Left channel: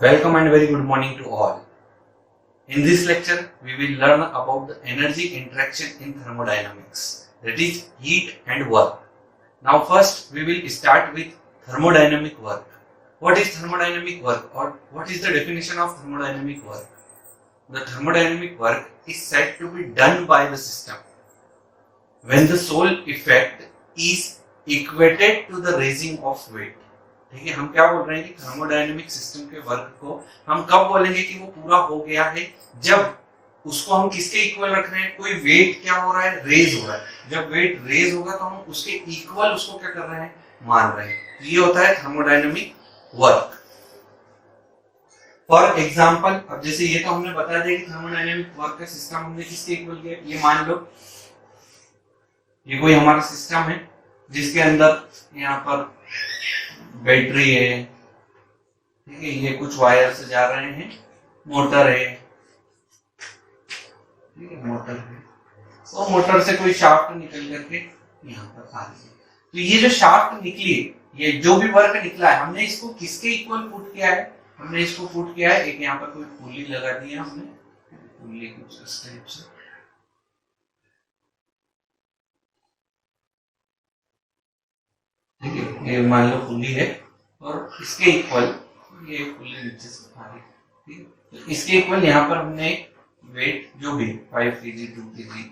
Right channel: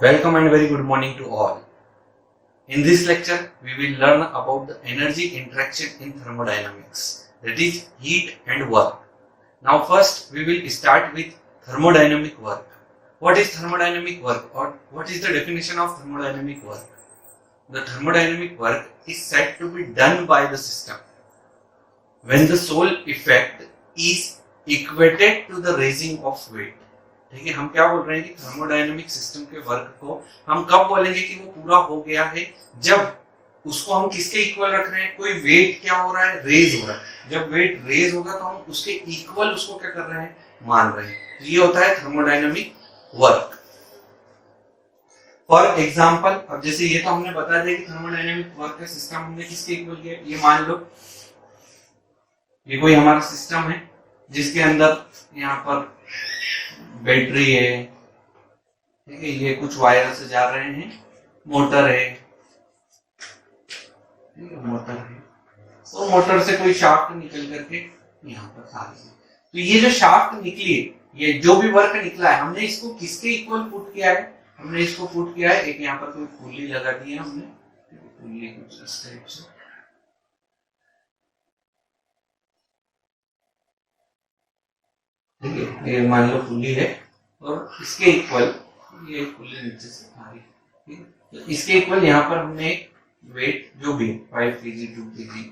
Welcome and very good morning to all. In this lecture, we will learn about the energy interaction in thermodynamics, that is heat and work. Now first, we will start with thermodynamic work. What is thermodynamic work, or what is the definition of thermodynamic work? The thermodynamic work is said to be done by the system when the sole effect is equated to the raising of weight. ठीक है, हम क्या बोल रहे हैं कि thermodynamic system के work को हम कब बोलेंगे कि वो पूरा हो गया है, जब उसको हम किसके इक्वल रख रहे हैं, कोई वेट क्या हो रहा है, रेज हो रहा है। जब वेट रेज होगा तो हम उसके इक्वल उसको क्या कर रहे हैं, मान रहे हैं। तो ये होता है थर्मोडायनेमिक वर्क। फॉर एग्जाम्पल, अब जैसे ये तो हमने बता दिया कि थर्मोडायनेमिक वर्क का सिस्टम हमने किसके इक्वल किया। ये मान लो ये कोई हमारा सिस्टम है जिसके अंदर यहाँ पर बैटरी है, ठीक है, ये कुछ वायर से जा रहे हैं, मोटर है, ठीक है, मोटर है, और मोटर से कोई शाफ्ट निकल करके यहाँ पर आ रही है। तो ये जो शाफ्ट निकली है, ये जो भी वर्क निकला है, हमने इसको किसके इक्वल पुट किया है, हमने इसको पुट किया है, एक यहाँ पर कोई पुली लगा दी है हमने, पुली कुछ इस टाइप से, ठीक है, ये मान लो पुली है और इसके इक्वल ये पुली नीचे से आ रही है, ठीक है। तो इसके इक्वल यहाँ पर हमने वेट जो भी 5 kg 2 kg,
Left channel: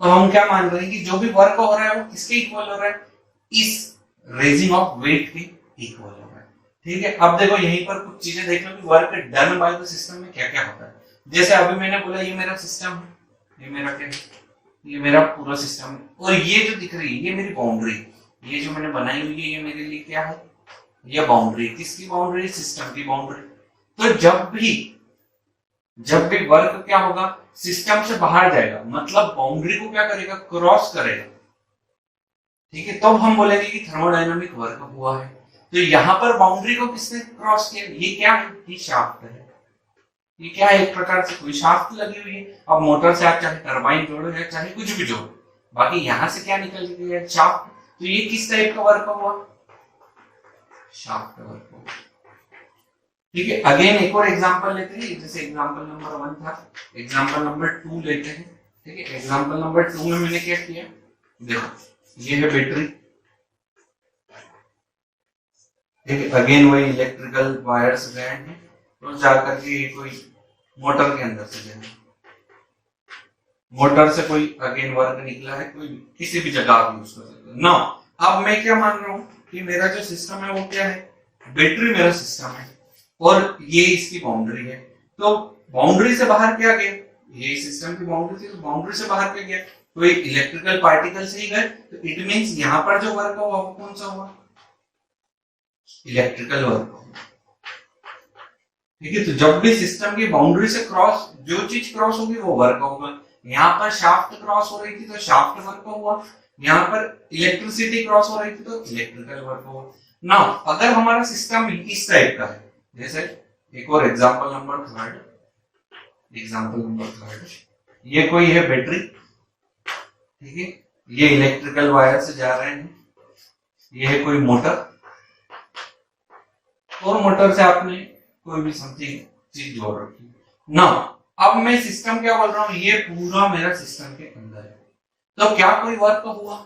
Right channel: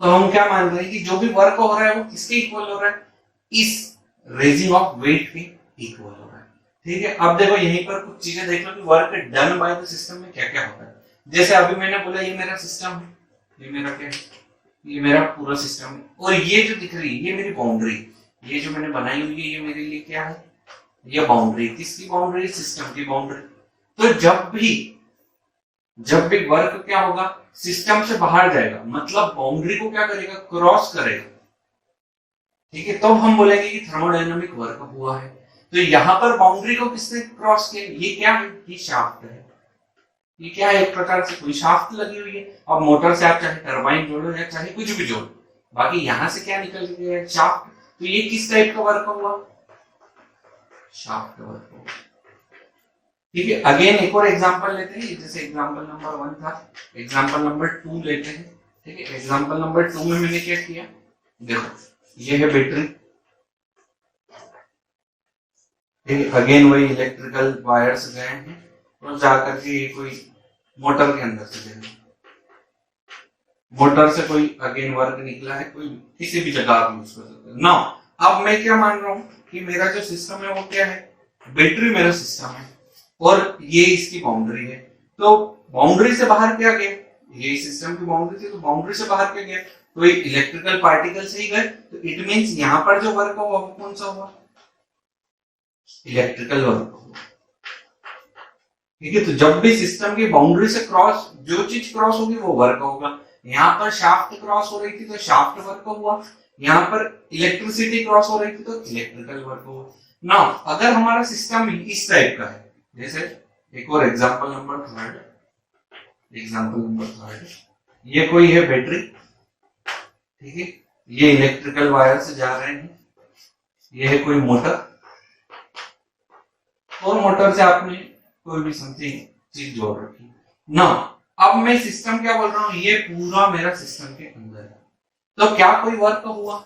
तो हम क्या मान रहे हैं कि जो भी वर्क हो रहा है वो किसके इक्वल हो रहा है, इस रेजिंग ऑफ वेट के इक्वल हो रहा है, ठीक है। अब देखो यहीं पर कुछ चीजें देख लो कि work done by the system में क्या क्या होता है। जैसे अभी मैंने बोला ये मेरा सिस्टम है, ये मेरा क्या है, ये मेरा पूरा सिस्टम है, और ये जो दिख रही है ये मेरी बाउंड्री, ये जो मैंने बनाई हुई है ये मेरे लिए क्या है, ये बाउंड्री। किसकी बाउंड्री, सिस्टम की बाउंड्री। तो जब भी वर्क क्या होगा, सिस्टम से बाहर जाएगा, मतलब बाउंड्री को क्या करेगा, क्रॉस करेगा, ठीक है, तब हम बोलेंगे कि थर्मोडायनामिक वर्क हुआ है। तो यहां पर बाउंड्री को किसने क्रॉस किया, ये क्या है, ये शाफ्ट है, ये क्या है, एक प्रकार से कोई शाफ्ट लगी हुई है। अब मोटर से आप चाहे टरबाइन जोड़ो या चाहे कुछ भी जोड़ो, बाकी यहां से क्या निकल गया, शाफ्ट। तो ये किस टाइप का वर्क हुआ, शाफ्ट का वर्क हुआ, ठीक है। अगेन एक और एग्जांपल लेते हैं, जैसे एग्जांपल नंबर 1 था, एग्जांपल नंबर 2 लेते हैं, ठीक है। एग्जांपल नंबर 2 में मैंने क्या किया, देखो ये है बैटरी, ठीक है। अगेन वही इलेक्ट्रिकल वायर्स गए हैं और जाकर के कोई मोटर के अंदर से गए, मोटर से कोई अगेन वर्क निकला है, कोई किसी भी जगह आप यूज कर सकते हो ना। अब मैं क्या मान रहा हूं कि मेरा जो सिस्टम है वो क्या है, बैटरी मेरा सिस्टम है और ये इसकी बाउंड्री है। तो बाउंड्री से बाहर क्या गया, ये सिस्टम की बाउंड्री थी, तो बाउंड्री से बाहर क्या गया, कोई इलेक्ट्रिकल पार्टिकल से ही गए। तो इट मींस यहाँ पर जो वर्क हुआ वो कौन सा हुआ, इलेक्ट्रिकल वर्क हुआ, ठीक है। तो जब भी सिस्टम की बाउंड्री से क्रॉस जो चीज क्रॉस होगी वो वर्क होगा। यहाँ पर शाफ्ट क्रॉस हो रही थी तो शाफ्ट वर्क हुआ, यहाँ पर इलेक्ट्रिसिटी क्रॉस हो रही थी तो इलेक्ट्रिकल वर्क हुआ। नाउ अगर हमारा सिस्टम इस टाइप का है, जैसे एक और एग्जांपल नंबर 3, ये कोई है बैटरी, ठीक है, ये इलेक्ट्रिकल वायर से जा रहे हैं, ये है कोई मोटर, और मोटर से आपने कोई भी समथिंग चीज जोड़ रखी। नाउ अब मैं सिस्टम क्या बोल रहा हूं, ये पूरा मेरा सिस्टम के अंदर है, तो क्या कोई वर्क हुआ,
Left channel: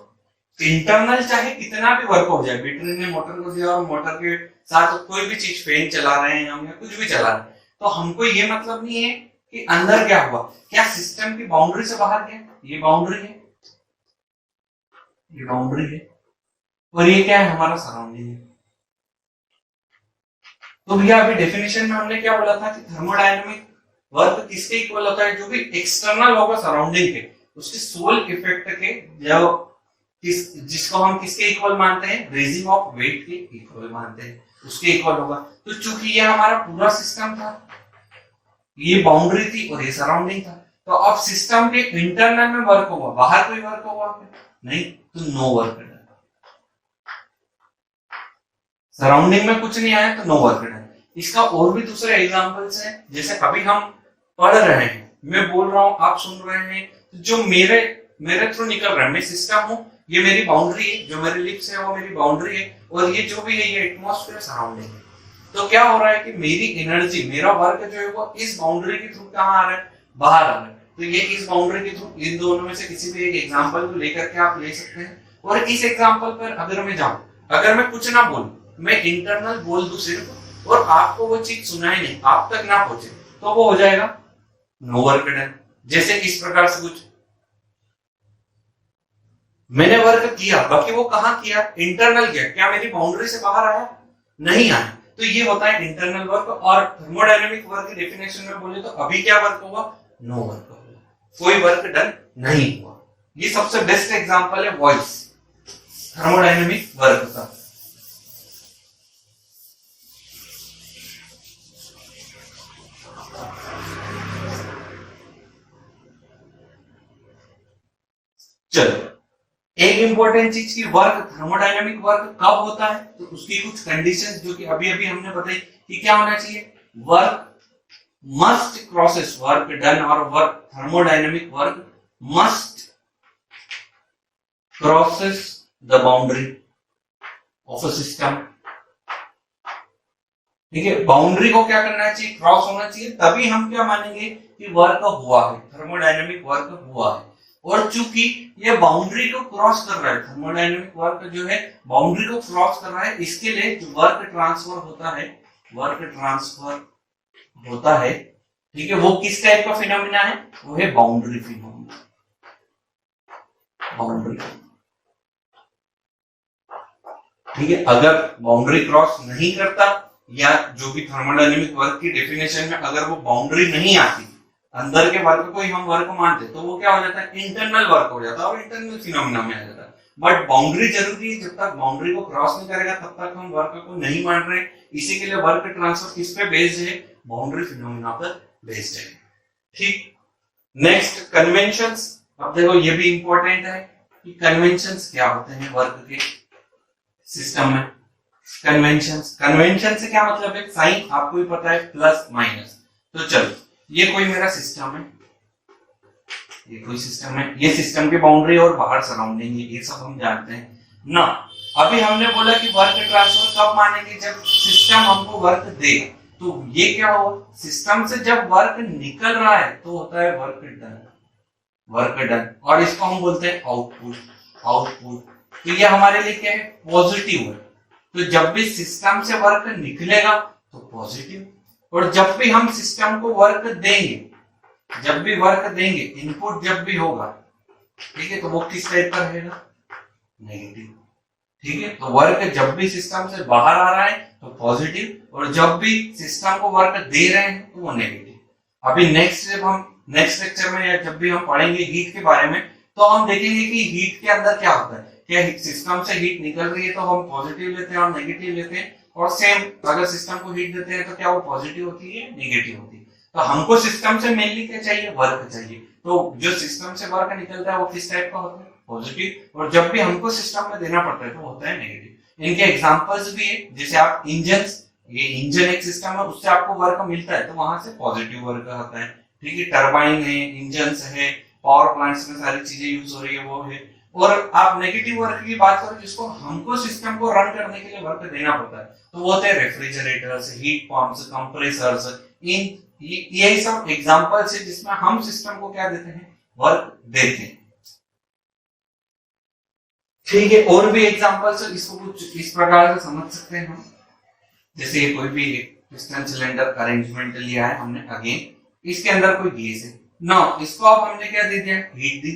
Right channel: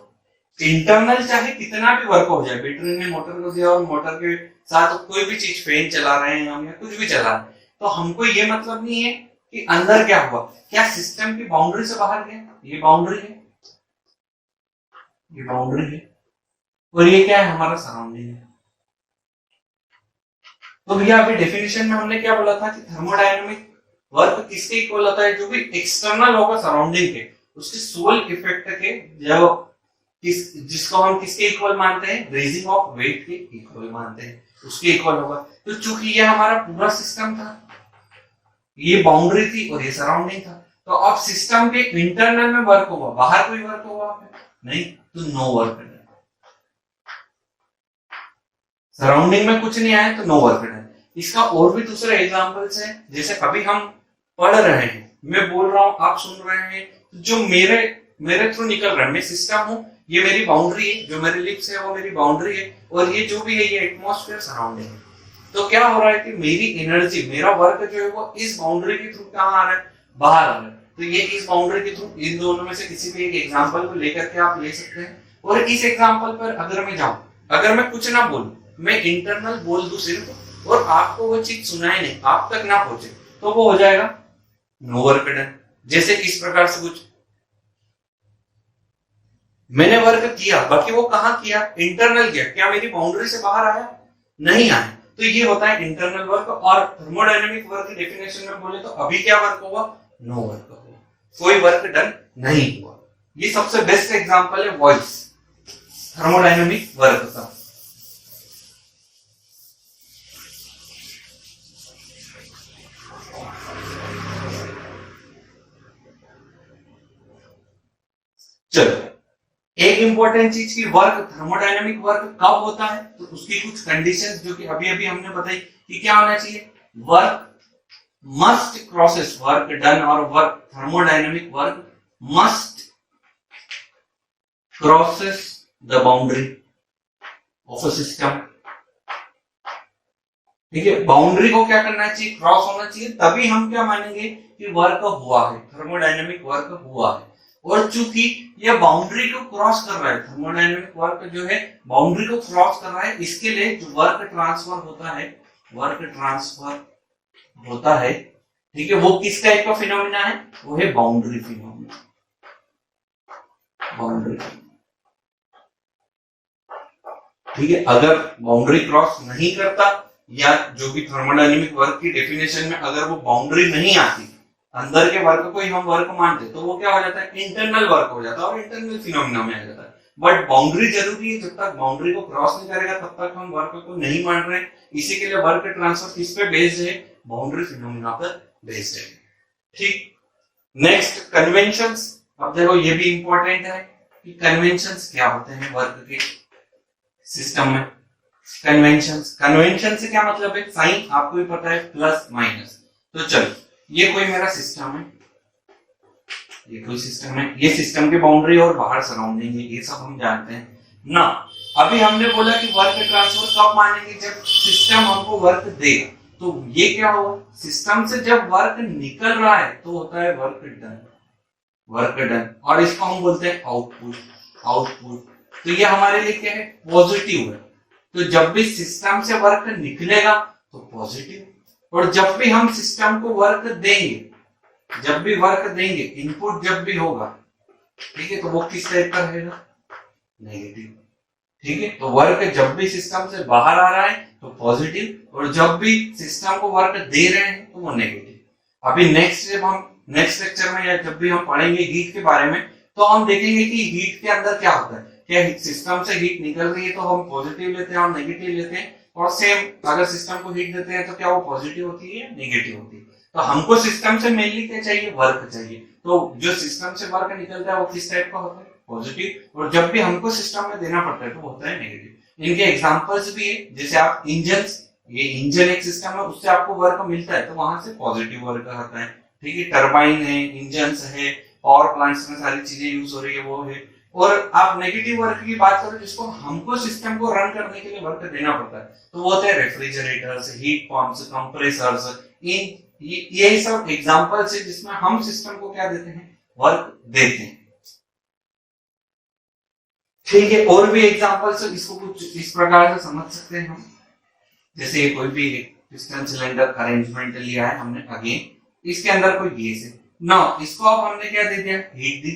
इंटरनल चाहे कितना भी वर्क हो जाए, बैटरी ने मोटर को दिया और मोटर के साथ कोई भी चीज, फैन चला रहे हैं हम या कुछ भी चला रहे हैं, तो हमको ये मतलब नहीं है कि अंदर क्या हुआ, क्या सिस्टम की बाउंड्री से बाहर गया, ये बाउंड्री है, ये बाउंड्री है, और ये क्या है, हमारा सराउंडिंग है। तो भैया अभी डेफिनेशन में हमने क्या बोला था कि थर्मोडायनामिक वर्क किसके इक्वल होता है, जो भी एक्सटर्नल होगा सराउंडिंग के, उसके सोल इफेक्ट के, जो जिसको हम किसके इक्वल मानते हैं, रेजिंग ऑफ वेट के इक्वल मानते हैं, उसके इक्वल होगा। तो चूंकि ये हमारा पूरा सिस्टम था, ये बाउंड्री थी और ये सराउंडिंग था, तो अब सिस्टम के इंटरनल में वर्क होगा, बाहर कोई वर्क होगा नहीं, तो नो वर्क डन। सराउंडिंग में कुछ नहीं आया तो नो वर्क डन। इसका और भी दूसरे एग्जांपल्स हैं, जैसे अभी हम पढ़ रहे हैं, मैं बोल रहा हूं, आप सुन रहे हैं, जो मेरे थ्रू निकल रहा है, मैं सिस्टम हूं, ये मेरी बाउंड्री है, जो मेरे लिप्स है वो मेरी बाउंड्री है, और ये जो भी है ये एटमॉस्फेयर सराउंडिंग है। तो क्या हो रहा है कि मेरी एनर्जी, मेरा वर्क जो है वो इस बाउंड्री के थ्रू कहाँ आ रहा है, बाहर आ रहा है। तो ये इस बाउंड्री के थ्रू, इन दोनों में से किसी भी एक एग्जांपल को लेकर के आप ले सकते हैं। और इस एग्जांपल पर अगर मैं जाऊं, अगर मैं कुछ ना बोलूं, मैं इंटरनल बोल दूं सिर्फ, और आपको वो चीज सुनाई नहीं, आप तक ना पहुंचे, तो वो हो जाएगा नो वर्क डन। जैसे इस प्रकार से कुछ मैंने वर्क किया, बाकी वो कहां किया, इंटरनल किया, क्या मेरी बाउंड्री से बाहर आया, नहीं आया, तो ये होता है इंटरनल वर्क। और थर्मोडायनेमिक वर्क की डेफिनेशन में बोले तो अभी क्या वर्क हुआ, नो वर्क हुआ, कोई वर्क डन नहीं हुआ। ये सबसे बेस्ट एग्जांपल है वॉइस थर्मोडायनेमिक वर्क का। चलो, एक इंपॉर्टेंट चीज की वर्क, थर्मोडायनेमिक वर्क कब होता है, तो उसकी कुछ कंडीशंस जो कि अभी अभी हमने बताई कि क्या होना चाहिए, work must crosses, work done और work thermodynamic work must crosses the boundary of a system. ठीक है, बाउंड्री को क्या करना चाहिए, क्रॉस होना चाहिए, तभी हम क्या मानेंगे कि वर्क हुआ है, थर्मोडायनेमिक वर्क हुआ है। और चूंकि ये बाउंड्री को क्रॉस कर रहा है, थर्मोडायनेमिक वर्क जो है बाउंड्री को क्रॉस कर रहा है, इसके लिए जो वर्क ट्रांसफर होता है, वर्क ट्रांसफर होता है, ठीक है, वो किस टाइप का फिनोमिना है, वो है बाउंड्री फिनोमिना, बाउंड्री। ठीक है, अगर बाउंड्री क्रॉस नहीं करता, या जो भी थर्मोडायनेमिक वर्क की डेफिनेशन में अगर वो बाउंड्री नहीं आती, अंदर के वर्क को ही हम वर्क मानते, तो वो क्या हो जाता है, इंटरनल वर्क हो जाता है और इंटरनल फिनोमिना में आ जाता है। बट बाउंड्री जरूरी है, जब तक बाउंड्री को क्रॉस नहीं करेगा तब तक हम वर्क को नहीं मान रहे। इसी के लिए वर्क ट्रांसफर किस पे बेस्ड है, बाउंड्री फिनोमिना पर बेस्ड है। ठीक, नेक्स्ट कन्वेंशंस। अब देखो ये भी इंपॉर्टेंट है कि कन्वेंशंस क्या होते हैं वर्क के सिस्टम में। कन्वेंशंस, कन्वेंशन से क्या मतलब है, साइन आपको भी पता है, प्लस माइनस। तो चलो, ये कोई मेरा सिस्टम है, ये कोई सिस्टम है, ये सिस्टम की बाउंड्री और बाहर सराउंडिंग है, ये सब हम जानते हैं ना। अभी हमने बोला कि वर्क ट्रांसफर कब मानेंगे, जब सिस्टम हमको वर्क देगा। तो ये क्या हुआ, सिस्टम से जब वर्क निकल रहा है तो होता है वर्क डन, वर्क डन, और इसको हम बोलते हैं आउटपुट, आउटपुट। तो ये हमारे लिए क्या है, पॉजिटिव है। तो जब भी सिस्टम से वर्क निकलेगा तो पॉजिटिव, और जब भी हम सिस्टम को वर्क देंगे, जब भी वर्क देंगे, इनपुट जब भी होगा, ठीक है, तो वो किस टाइप का रहेगा, नेगेटिव। ठीक है, तो वर्क जब भी सिस्टम से बाहर आ रहा है तो पॉजिटिव, और जब भी सिस्टम को वर्क दे रहे हैं तो वो नेगेटिव। अभी नेक्स्ट जब हम नेक्स्ट लेक्चर में या जब भी हम पढ़ेंगे हीट के बारे में, तो हम देखेंगे कि हीट के अंदर क्या होता है, क्या सिस्टम से हीट निकल रही है तो हम पॉजिटिव लेते हैं और नेगेटिव लेते हैं, और सेम अगर सिस्टम को हीट देते हैं तो क्या वो पॉजिटिव होती है, नेगेटिव होती है। तो हमको सिस्टम से मेनली क्या चाहिए, वर्क चाहिए। तो जो सिस्टम से वर्क निकलता है वो किस टाइप का होता है, पॉजिटिव, और जब भी हमको सिस्टम में देना पड़ता है तो होता है नेगेटिव। इनके एग्जांपल्स भी है, जैसे आप इंजन, ये इंजन एक सिस्टम है, उससे आपको वर्क मिलता है तो वहां से पॉजिटिव वर्क आता है। ठीक है, टरबाइन है, इंजन है, पावर प्लांट्स में सारी चीजें यूज हो रही है, वो है। और आप नेगेटिव वर्क की बात करो, जिसको हमको सिस्टम को रन करने के लिए वर्क देना पड़ता है, तो वो होते हैं रेफ्रिजरेटर्स, हीट पंप्स, कंप्रेसर्स। इन यही सब एग्जांपल्स है जिसमें हम सिस्टम को क्या देते हैं, वर्क देते हैं। ठीक है, और भी एग्जांपल्स, इसको कुछ इस प्रकार से समझ सकते हैं हम। जैसे कोई भी पिस्टन सिलेंडर अरेंजमेंट लिया है हमने, अगेन इसके अंदर कोई गैस है ना, इसको अब हमने क्या दे दिया, हीट दी,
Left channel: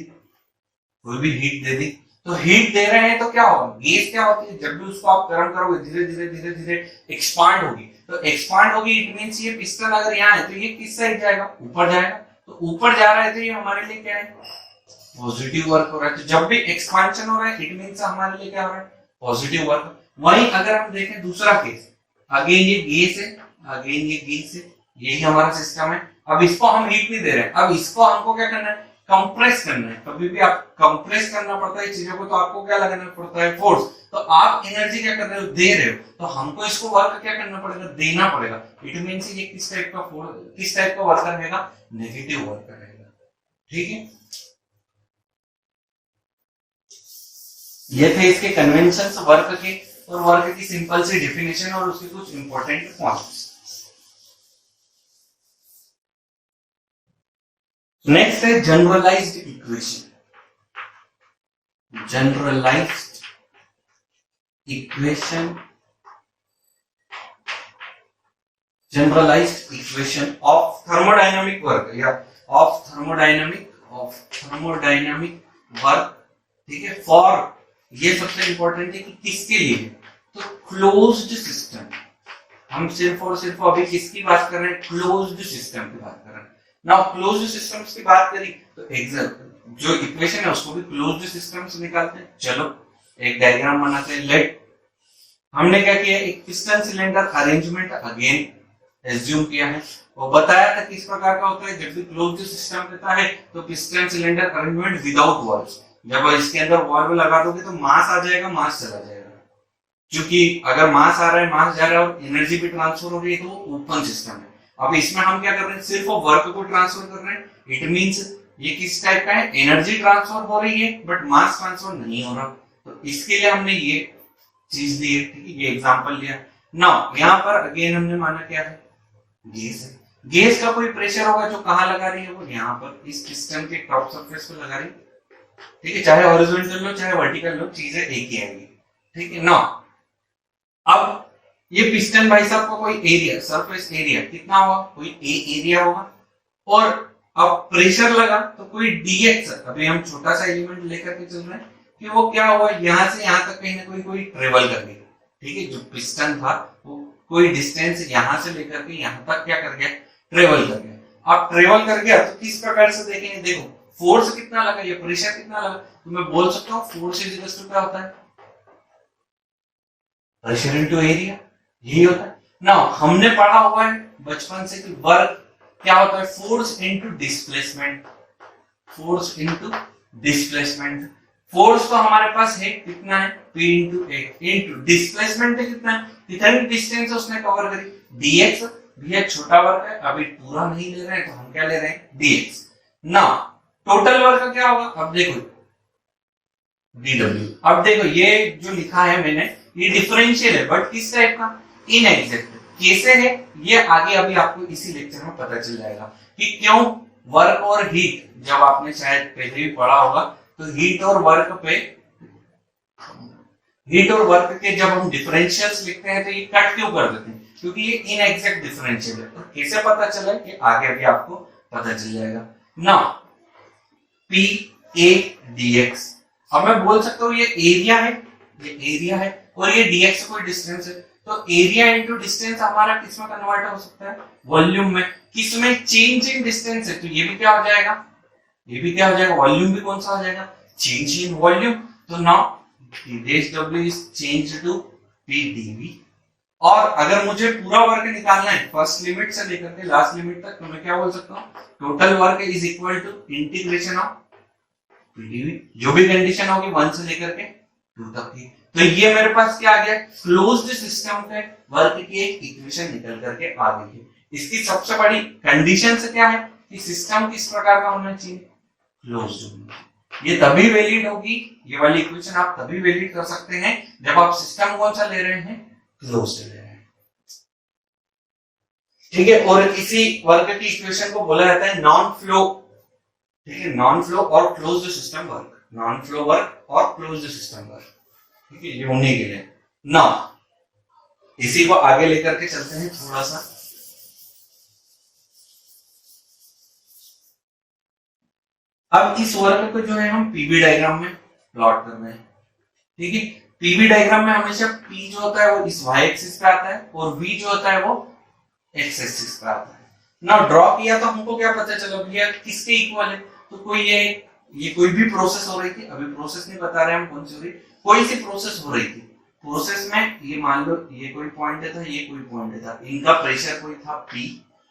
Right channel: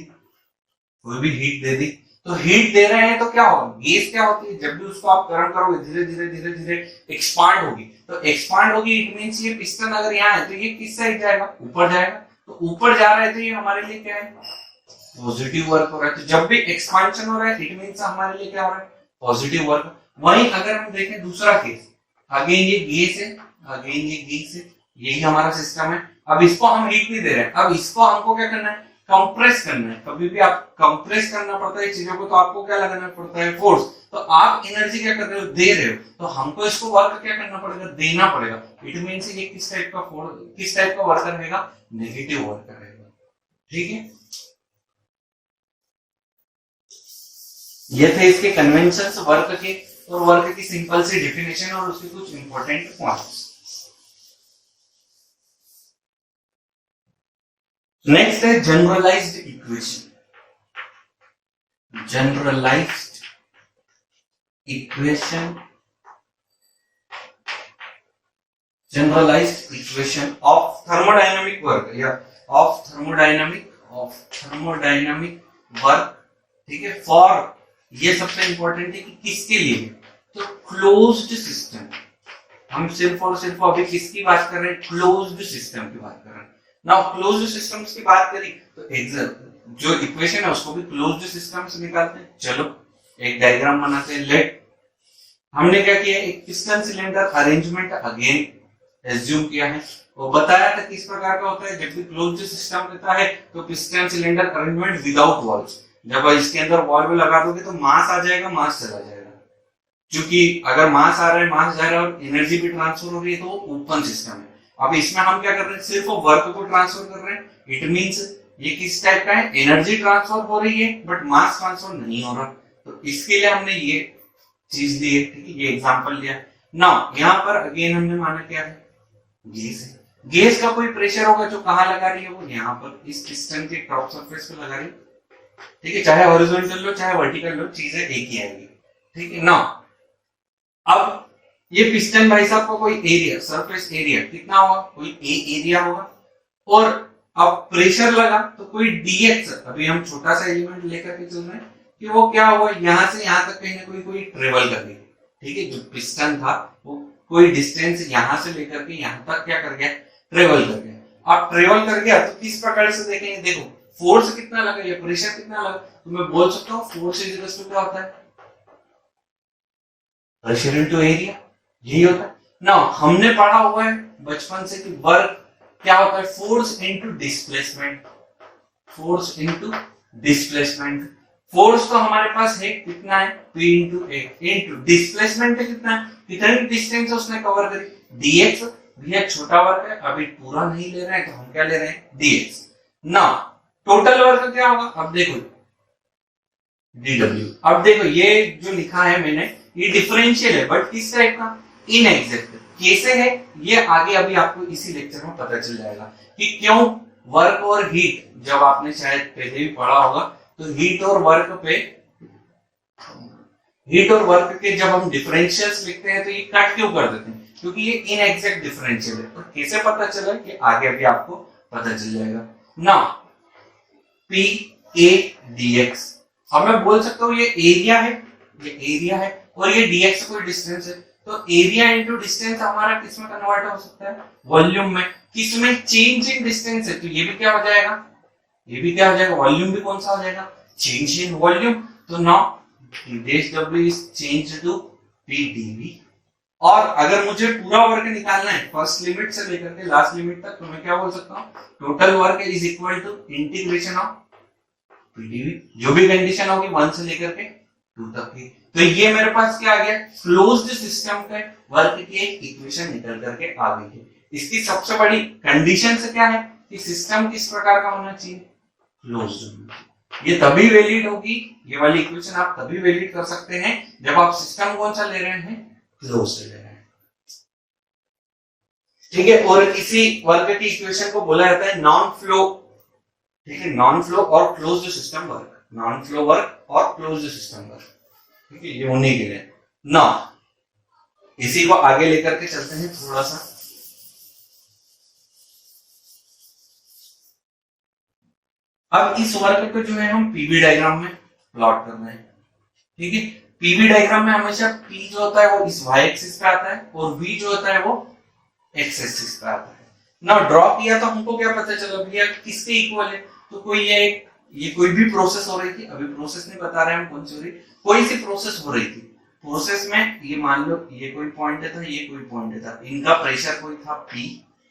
कोई भी हीट दे दी। तो हीट दे रहे हैं तो क्या होगा, गैस क्या होती है, जब भी उसको आप गर्म करोगे धीरे धीरे धीरे धीरे एक्सपांड होगी। तो एक्सपांड होगी, इट मींस ये पिस्टन अगर यहाँ है तो ये किस साइड जाएगा, ऊपर जाएगा। तो ऊपर जा रहा है तो ये हमारे लिए क्या है, पॉजिटिव वर्क हो रहा है। तो जब भी एक्सपांशन हो रहा है इट मींस हमारे लिए क्या हो रहा है, पॉजिटिव वर्क। वहीं अगर हम देखें दूसरा केस, अगेन ये गैस है, अगेन ये गैस है, यही हमारा सिस्टम है। अब इसको हम हीट नहीं दे रहे हैं, अब इसको हमको क्या करना है, कंप्रेस करना है। कभी भी आप कंप्रेस करना पड़ता है चीजों को, तो आपको क्या लगाना पड़ता है, फोर्स। तो आप एनर्जी क्या कर रहे हो, दे रहे हो, तो हमको इसको वर्क क्या करना पड़ेगा, देना पड़ेगा। इट मींस ये किस टाइप का फोर्स, किस टाइप का वर्क रहेगा, नेगेटिव वर्क रहेगा। ठीक है, ये थे इसके कन्वेंशंस वर्क के। और वर्क की सिंपल सी डेफिनेशन और उसके कुछ इंपॉर्टेंट पॉइंट्स। नेक्स्ट है generalized equation. Generalized equation, generalized equation of thermodynamic work या ऑफ थर्मोडायनामिक वर्क, ठीक है। फॉर, ये सबसे इंपॉर्टेंट है कि किसके लिए, तो क्लोज्ड सिस्टम। हम सिर्फ और सिर्फ अभी किसकी बात कर रहे हैं, क्लोज्ड सिस्टम की बात कर रहे हैं। नाउ क्लोज्ड सिस्टम्स की बात करी तो एग्जैक्ट जो इक्वेशन है उसको भी क्लोज्ड सिस्टम से निकालते हैं। चलो एक डायग्राम बनाते हैं। लेट, हमने क्या किया, एक piston cylinder arrangement again assume किया है। वो बताया था किस प्रकार का होता है, जब भी क्लोज्ड सिस्टम रहता है तो piston cylinder arrangement without valves. जब इसके अंदर वॉल्व लगा दोगे तो मास आ जाएगा, मास चला जाएगा। क्योंकि अगर मास आ रहा है, मास जा रहा है और एनर्जी भी ट्रांसफर हो रही है तो वो ओपन सिस्टम है। अब इसमें हम क्या कर रहे हैं, सिर्फ वर्क को ट्रांसफर कर रहे हैं। इट मींस ये किस टाइप का है, एनर्जी ट्रांसफर हो रही है बट मास ट्रांसफर नहीं हो रहा। तो इसके लिए हमने ये चीज दी है, ठीक है, ये एग्जांपल लिया। नाउ यहाँ पर अगेन हमने माना क्या है, गैस है। गैस का कोई प्रेशर होगा जो कहाँ लगा रही है, वो यहाँ पर इस पिस्टन के टॉप सरफेस पे लगा रही है, ठीक है। चाहे हॉरिजॉन्टल लो चाहे वर्टिकल लो, चीजें एक ही आएगी, ठीक है। नाउ अब ये पिस्टन भाई साहब का कोई एरिया, सरफेस एरिया कितना होगा, कोई ए एरिया होगा, और अब प्रेशर लगा तो कोई डीएक्स, अभी हम छोटा सा एलिमेंट लेकर के चल रहे हैं कि वो क्या हुआ, यहां से यहां तक कहीं ना कोई ट्रेवल कर गई, ठीक है। जो पिस्टन था वो कोई डिस्टेंस यहां से लेकर के यहां तक क्या कर गया, ट्रेवल कर गया। अब ट्रेवल कर गया तो किस प्रकार से देखेंगे, देखो फोर्स कितना लगा, ये प्रेशर कितना लगा, तो मैं बोल सकता हूँ फोर्स इज इक्वल टू क्या होता है, प्रेशर इनटू एरिया, यही होता है ना। हमने पढ़ा हुआ है बचपन से कि वर्क क्या होता है, force into displacement, force into displacement. Force तो हमारे पास है कितना है, P इंटू ए, इंटू डिस्प्लेसमेंट कितना है, कितनी डिस्टेंस उसने कवर करी, dx। भैया छोटा वर्क है, अभी पूरा नहीं ले रहे हैं तो हम क्या ले रहे हैं, dx। ना टोटल वर्क क्या होगा, अब देखो dw। अब देखो ये जो लिखा है मैंने, ये डिफरेंशियल है बट किस टाइप का, इनएग्जैक्ट। कैसे है ये आगे अभी आपको इसी लेक्चर में पता चल जाएगा कि क्यों वर्क और हीट, जब आपने शायद पहले भी पढ़ा होगा, तो हीट और वर्क के जब हम डिफरेंशियल्स लिखते हैं तो ये कट क्यों कर देते हैं, क्योंकि ये इनएग्जैक्ट डिफरेंशियल है। तो कैसे पता चला कि आगे भी आपको पता चल जाएगा ना। P A dx, अब मैं बोल सकता हूँ ये एरिया है, ये एरिया है और ये dx कोई डिस्टेंस है, तो एरिया इंटू डिस्टेंस हमारा किस में कन्वर्ट हो सकता है, वॉल्यूम में। किसमें, चेंज इन डिस्टेंस है, तो ये भी क्या हो जाएगा, ये भी क्या हो जाएगा, वॉल्यूम भी कौन सा हो जाएगा, चेंज इन वॉल्यूम। तो now dw is changed to pdv। और अगर मुझे पूरा वर्क निकालना है फर्स्ट लिमिट से लेकर के लास्ट लिमिट तक, तो मैं क्या बोल सकता हूँ, total work is equal to integration of PDV, जो भी कंडीशन होगी 1 से लेकर के 2 तक की। तो ये मेरे पास क्या आ गया, क्लोज्ड सिस्टम के वर्क की एक इक्वेशन निकल करके आ गई है। इसकी सबसे बड़ी कंडीशन से क्या है कि सिस्टम किस प्रकार का होना चाहिए, क्लोज्ड। ये तभी वैलिड होगी, ये वाली इक्वेशन आप तभी वैलिड कर सकते हैं जब आप सिस्टम कौन सा ले रहे हैं, क्लोज्ड ले रहे हैं, ठीक है। और इसी वर्क की इक्वेशन को बोला जाता है नॉन फ्लो, ठीक है, नॉन फ्लो और closed system work, non flow work और क्लोज्ड सिस्टम वर्क, ठीक है, ये होने के लिए ना। इसी को आगे लेकर के चलते हैं थोड़ा सा। अब इस वर्क को जो है हम पीवी डायग्राम में प्लॉट कर रहे हैं, ठीक है। पीवी डायग्राम में हमेशा P जो होता है वो इस y एक्सिस पे आता है और V जो होता है वो x एक्सिस पे आता है। ना ड्रॉ किया तो हमको क्या पता चला भैया किसके इक्वल है, तो कोई ये कोई भी प्रोसेस हो रही थी, अभी प्रोसेस नहीं बता रहे हम कौन सी हो रही, कोई सी प्रोसेस हो रही थी। प्रोसेस में ये मान लो ये कोई पॉइंट था, ये कोई पॉइंट था, इनका प्रेशर कोई था P,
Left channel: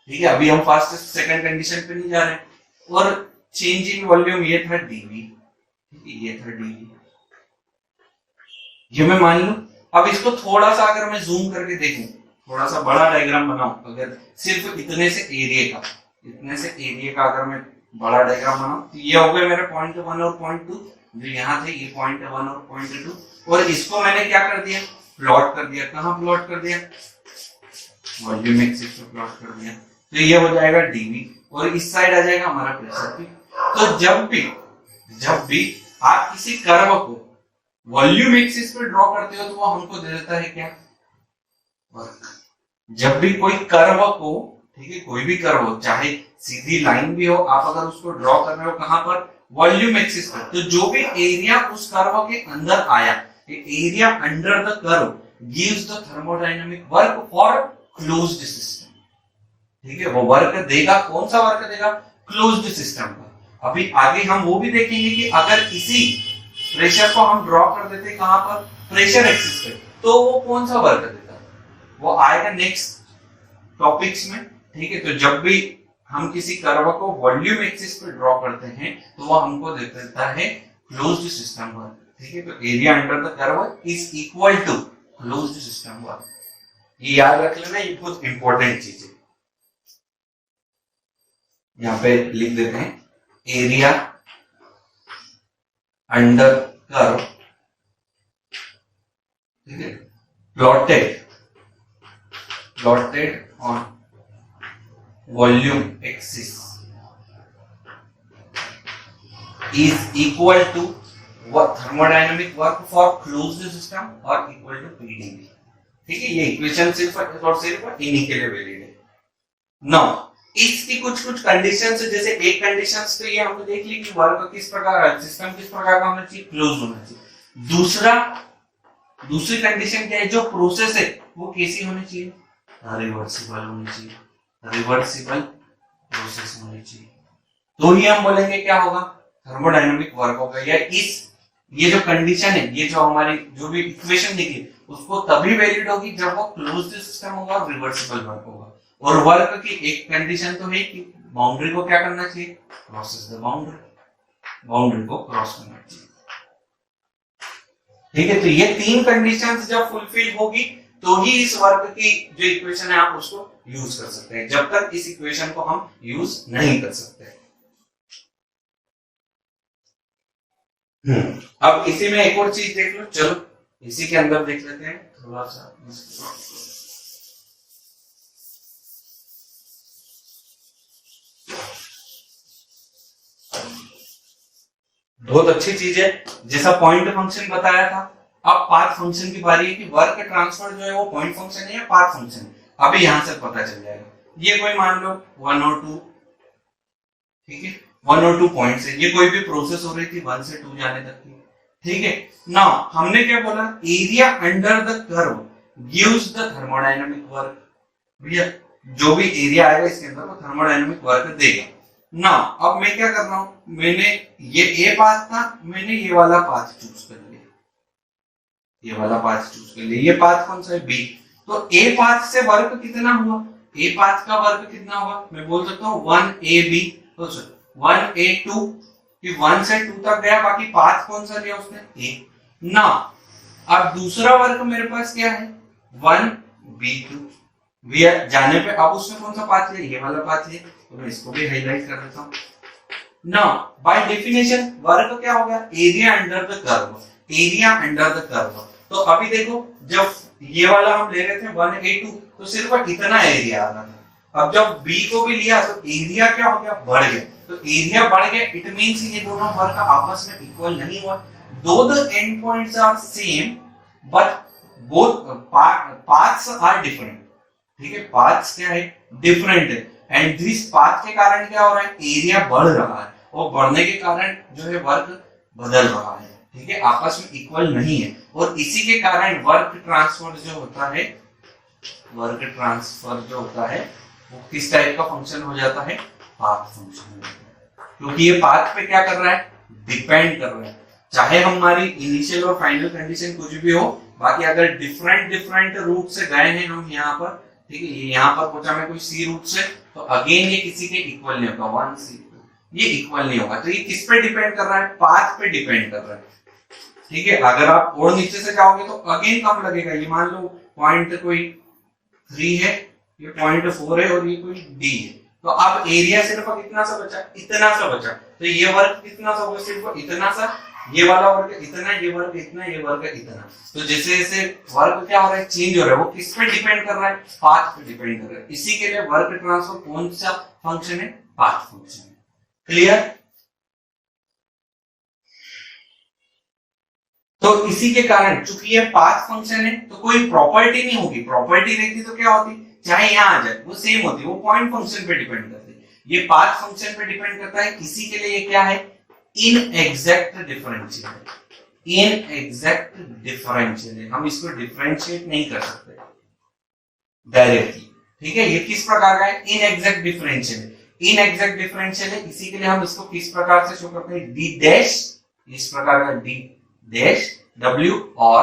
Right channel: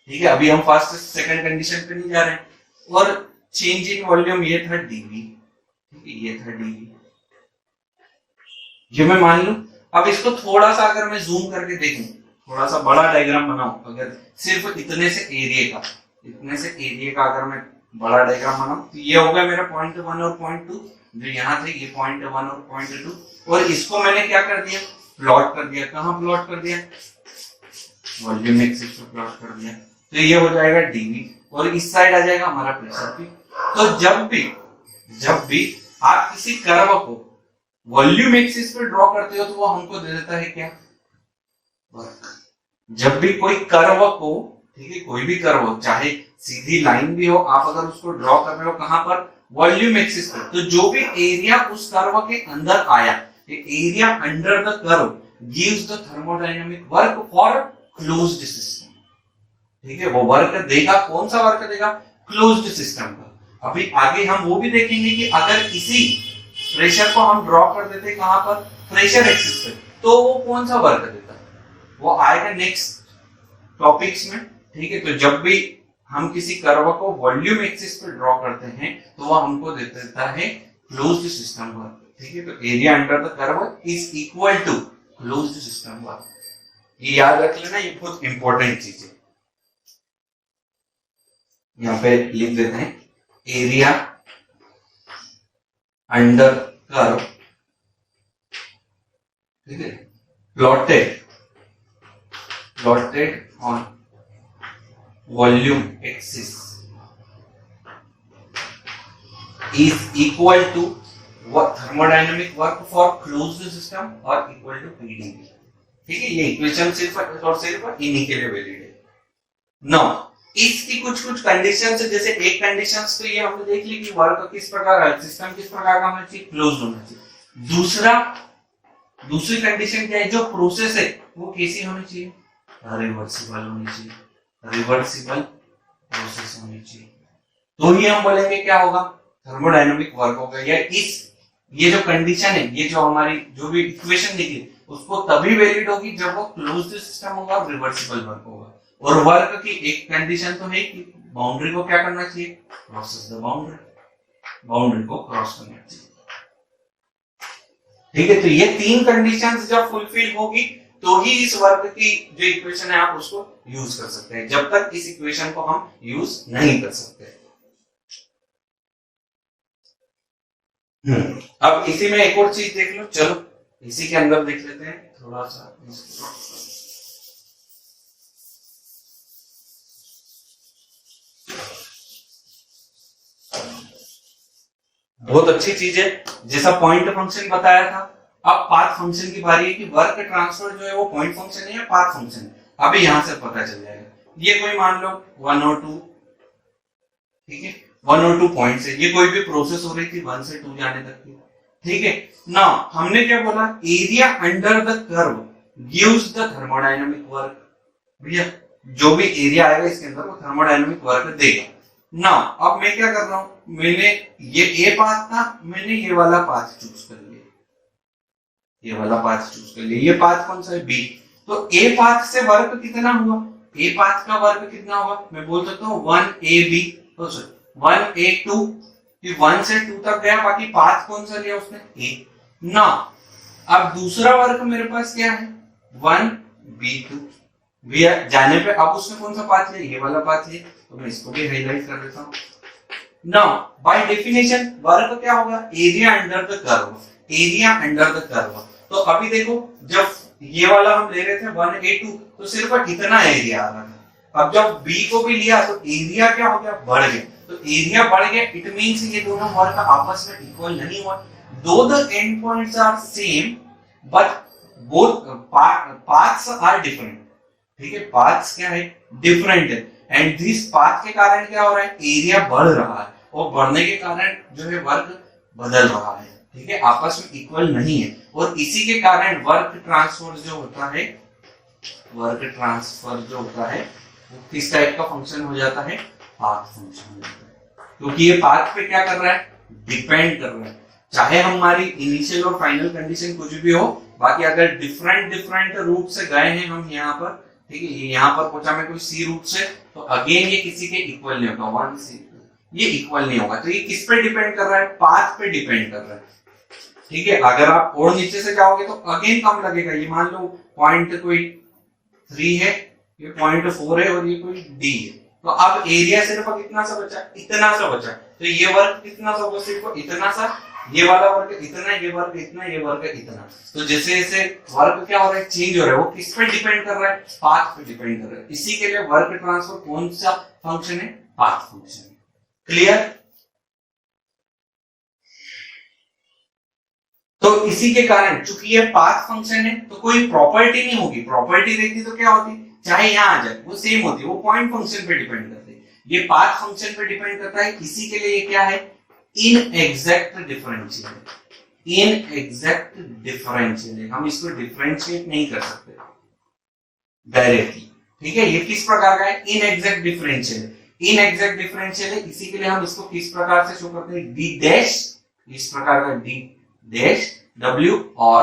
ठीक है। अभी हम फर्स्ट सेकंड कंडीशन पे नहीं जा रहे हैं। और चेंज इन वॉल्यूम ये था dv, ठीक है, ये था dv, ये मैं मान लूं। अब इसको थोड़ा सा अगर मैं जूम करके देखूं, थोड़ा सा बड़ा डायग्राम बनाऊं, अगर सिर्फ इतने से एरिया का अगर मैं बड़ा डायग्राम बनाऊं, तो ये हो गया मेरा पॉइंट 1 और पॉइंट 2, जो यहाँ थे ये पॉइंट 1 और पॉइंट 2, और इसको मैंने क्या कर दिया, प्लॉट कर दिया, कहाँ प्लॉट कर दिया, वॉल्यूम एक्सिस पे प्लॉट कर दिया, तो ये हो जाएगा डीवी और इस साइड आ जाएगा हमारा प्रेशर पी। तो जब भी आप किसी कर्व को वॉल्यूम एक्सिस पे ड्रॉ करते हो तो वो हमको दे देता है क्या, वर्क। जब भी कोई कर्व को, ठीक है, कोई भी कर्व हो, चाहे सीधी लाइन भी हो, आप अगर उसको ड्रॉ कर रहे हो कहां पर, वॉल्यूम एक्सिस पर, तो जो भी एरिया उस कर्व के अंदर आया, area under the curve gives the thermodynamic work for closed system. ठीक है, वो वर्क देगा, कौन सा वर्क देगा, क्लोज्ड सिस्टम का। अभी आगे हम वो भी देखेंगे कि अगर इसी प्रेशर को हम ड्रॉ कर देते कहां पर, प्रेशर एक्सिस पे, तो वो कौन सा वर्क देता है, वो आएगा नेक्स्ट टॉपिक्स में। ठीक है, तो जब भी हम किसी कर्व को वॉल्यूम एक्सिस पे ड्रॉ करते हैं तो वो हमको दे देता है क्लोज्ड सिस्टम वर्क। ठीक है, तो area under the curve is equal to closed system work. ये याद रख लेना, ये बहुत इंपॉर्टेंट चीज है। यहां पे लिख देते हैं एरिया अंडर कर्व, ठीक है, plotted on volume axis is equal to thermodynamic work for closed system और इक्वल टू पीडीवी। ठीक है, ये इक्वेशन सिर्फ और सिर्फ इन्हीं के लिए वैलिड है। नाउ इसकी कुछ कंडीशंस है, जैसे एक कंडीशंस तो ये हमने देख ली कि वर्क किस प्रकार का, सिस्टम किस प्रकार का होना चाहिए, क्लोज होना चाहिए। दूसरी कंडीशन क्या है, जो प्रोसेस है वो कैसी होनी चाहिए, रिवर्सिबल होनी चाहिए, रिवर्सिबल प्रोसेस होनी चाहिए। तो ही हम बोलेंगे क्या होगा, थर्मोडायनामिक वर्क होगा। या ये जो कंडीशन है, ये जो हमारी जो भी इक्वेशन लिखी उसको तभी वैलिड होगी जब वो क्लोज्ड सिस्टम होगा और रिवर्सिबल वर्क होगा। और वर्क की एक कंडीशन तो है कि बाउंड्री को क्या करना चाहिए, क्रॉस द बाउंड्री को क्रॉस करना चाहिए। ठीक है, तो ये तीन कंडीशंस जब फुलफिल होगी तो ही इस वर्क की जो इक्वेशन है आप उसको यूज कर सकते हैं। जब तक इस इक्वेशन को हम यूज नहीं कर सकते। अब इसी में एक और चीज देख लो, चलो इसी के अंदर देख लेते हैं थोड़ा सा। बहुत अच्छी चीज है, जैसा पॉइंट फंक्शन बताया था। अब पाथ फंक्शन की बारी है कि वर्क ट्रांसफर जो है वो पॉइंट फंक्शन है या पाथ फंक्शन है। अभी यहां से पता चल जाएगा। ये कोई मान लो 1 और 2, ठीक है, 1 और 2 पॉइंट्स है। ये कोई भी प्रोसेस हो रही थी 1 से 2 जाने तक की। ठीक है, नाउ हमने क्या बोला, area under the curve gives the thermodynamic work. भैया जो भी एरिया आएगा इसके अंदर वो थर्मोडायनामिक वर्क देगा ना। अब मैं क्या कर रहा हूं, मैंने ये ए पाथ था, मैंने ये वाला पाथ चूज कर लिया, ये वाला पाथ चूज कर लिया। ये पाथ कौन सा है, बी। तो ए पाथ से वर्क कितना हुआ, ए पाथ का वर्क कितना होगा, मैं बोल सकता हूँ 1ab, 1a2, 1 से 2 तक गया, बाकी पाथ कौन सा लिया उसने, ए ना। अब दूसरा वर्क मेरे पास क्या है, 1b2 भैया जाने पे। अब उसने कौन सा पाथ लिया, ये वाला पाथ लिया, तो मैं इसको भी हाईलाइट कर देता हूँ। नाउ बाय डेफिनेशन वर्क क्या होगा, area under the curve, area under the curve. तो अभी देखो, जब ये वाला हम ले रहे थे 1a2, तो सिर्फ इतना एरिया आ रहा था। अब जब b को भी लिया तो एरिया क्या हो गया, बढ़ गया। तो एरिया बढ़ गया, इट मींस ये दोनों वर्क आपस में इक्वल नहीं हुआ। Though the end points are same but both paths are different. ठीक है, पाथ्स क्या है, डिफरेंट है। एंड दिस पाथ के कारण क्या हो रहा है, एरिया बढ़ रहा है, और बढ़ने के कारण जो है वर्क बदल रहा है। ठीक है, आपस में इक्वल नहीं है, और इसी के कारण वर्क ट्रांसफर जो होता है, वर्क ट्रांसफर जो होता है वो किस टाइप का फंक्शन हो जाता है, पाथ फंक्शन हो जाता है। क्योंकि ये पाथ पे क्या कर रहा है, डिपेंड कर रहा है। चाहे हमारी इनिशियल और फाइनल कंडीशन कुछ भी हो, बाकी अगर डिफरेंट रूट से गए हैं हम यहाँ पर, ठीक है, ये यहाँ पर पहुंचा मैं कोई सी रूट से, तो अगेन ये किसी के इक्वल नहीं होगा, 1c, ये इक्वल नहीं होगा। तो ये किस पे डिपेंड कर रहा है, पाथ पे डिपेंड कर रहा है। ठीक है, अगर आप और नीचे से जाओगे तो अगेन कम लगेगा। ये मान लो पॉइंट कोई 3 है, ये पॉइंट 4 है, और ये कोई d है। तो अब एरिया सिर्फ कितना सा बचा, इतना सा बचा। तो ये वर्क कितना सा होगा, सिर्फ इतना सा, ये वाला वर्क इतना, ये वर्क इतना, ये वर्क इतना। तो जैसे जैसे वर्क क्या हो रहा है, चेंज हो रहा है, वो किस पे डिपेंड कर रहा है, पाथ पे डिपेंड कर रहा है। इसी के लिए वर्क ट्रांसफर कौन सा फंक्शन है, पाथ फंक्शन है। क्लियर? तो इसी के कारण चूंकि ये पाथ फंक्शन है तो कोई प्रॉपर्टी नहीं होगी, प्रॉपर्टी रहती तो क्या होती, चाहे यहां आ जाए वो सेम होती, वो पॉइंट फंक्शन पे डिपेंड करती है। ये पाथ फंक्शन पे डिपेंड करता है, इसी के लिए ये क्या है, इनएग्जैक्ट डिफरेंशियल। इनएग्जैक्ट डिफरेंशियल है, हम इसको डिफरेंशिएट नहीं कर सकते डायरेक्टली। ठीक है, ये किस प्रकार का है, इनएग्जैक्ट डिफरेंशियल है। इनएग्जैक्ट डिफरेंशियल है, इसी के लिए हम इसको किस प्रकार से शो करते हैं, डी डैश, इस प्रकार का डी डैश डब्ल्यू और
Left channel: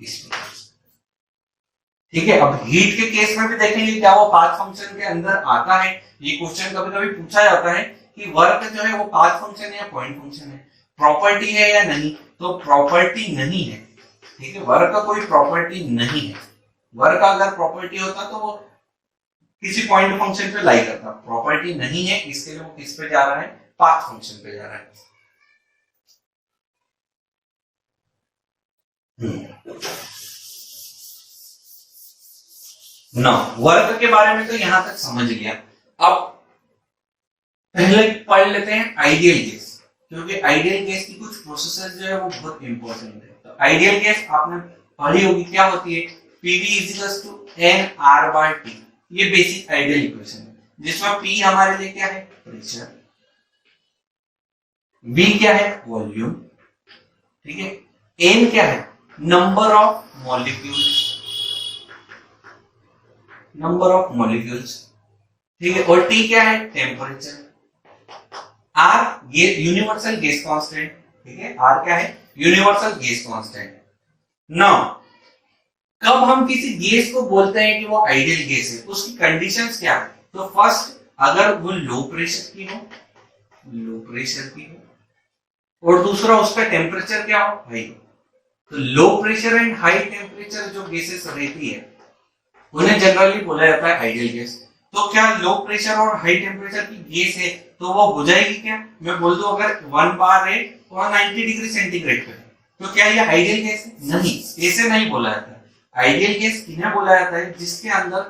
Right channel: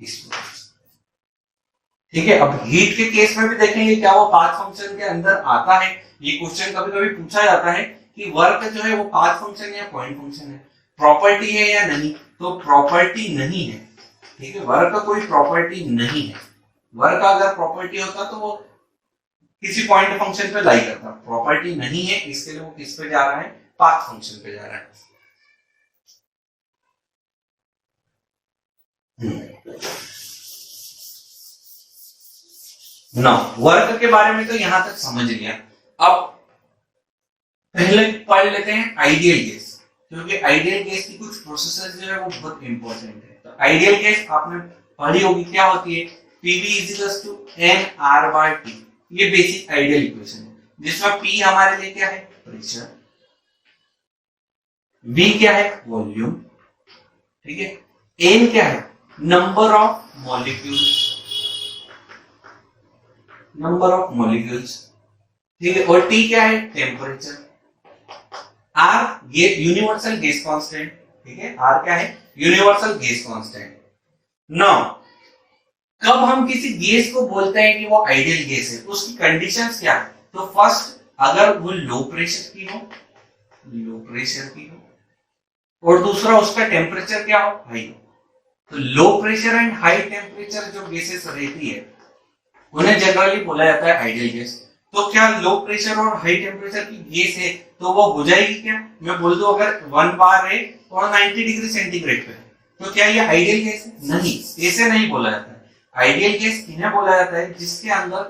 इस प्रकार से। ठीक है, अब हीट के केस में भी देखेंगे क्या वो पाथ फंक्शन के अंदर आता है। ये क्वेश्चन कभी कभी पूछा जाता है कि वर्क जो है वो पाथ फंक्शन है या पॉइंट फंक्शन है, प्रॉपर्टी है या नहीं, तो प्रॉपर्टी नहीं है। ठीक है, वर्क का कोई प्रॉपर्टी नहीं है। वर्क का अगर प्रॉपर्टी होता तो वो किसी पॉइंट फंक्शन पे लाई करता, प्रॉपर्टी नहीं है, इसके लिए वो किस पे जा रहा है, पाथ फंक्शन पे जा रहा है। नो, वर्क के बारे में तो यहां तक समझ लिया। अब पहले पढ़ लेते हैं आइडियल केस, क्योंकि आइडियल केस की कुछ प्रोसेसेस जो है वो बहुत इंपॉर्टेंट है। तो आइडियल केस आपने पढ़ी होगी, क्या होती है, PV equals to N R by T. ये बेसिक आइडियल इक्वेशन है, जिसमें पी हमारे लिए क्या है, प्रेशर, वी क्या है, वॉल्यूम, ठीक है, एन क्या है, number of molecules, number of molecules, ठीक है, और टी क्या है, टेम्परेचर, आर ये यूनिवर्सल गैस कांस्टेंट। ठीक है, आर क्या है, यूनिवर्सल गैस कांस्टेंट। नाउ कब हम किसी गैस को बोलते हैं कि वो आइडियल गैस है, उसकी कंडीशंस क्या है, तो फर्स्ट अगर वो लो प्रेशर की हो, लो प्रेशर की हो, और दूसरा उसका टेम्परेचर क्या हो, हाई हो। तो low pressure and high temperature जो गैसेस रहती है उन्हें जनरली बोला जाता है आइडियल गैस। तो क्या लो प्रेशर और हाई टेम्परेचर की गैस है तो वो हो जाएगी क्या, मैं बोल दूं अगर 1 बार है और 90 डिग्री सेंटीग्रेड पे, तो क्या ये आइडियल गैस है, नहीं, ऐसे नहीं बोला जाता है। आइडियल गैस किन्हें बोला जाता है, जिसके अंदर,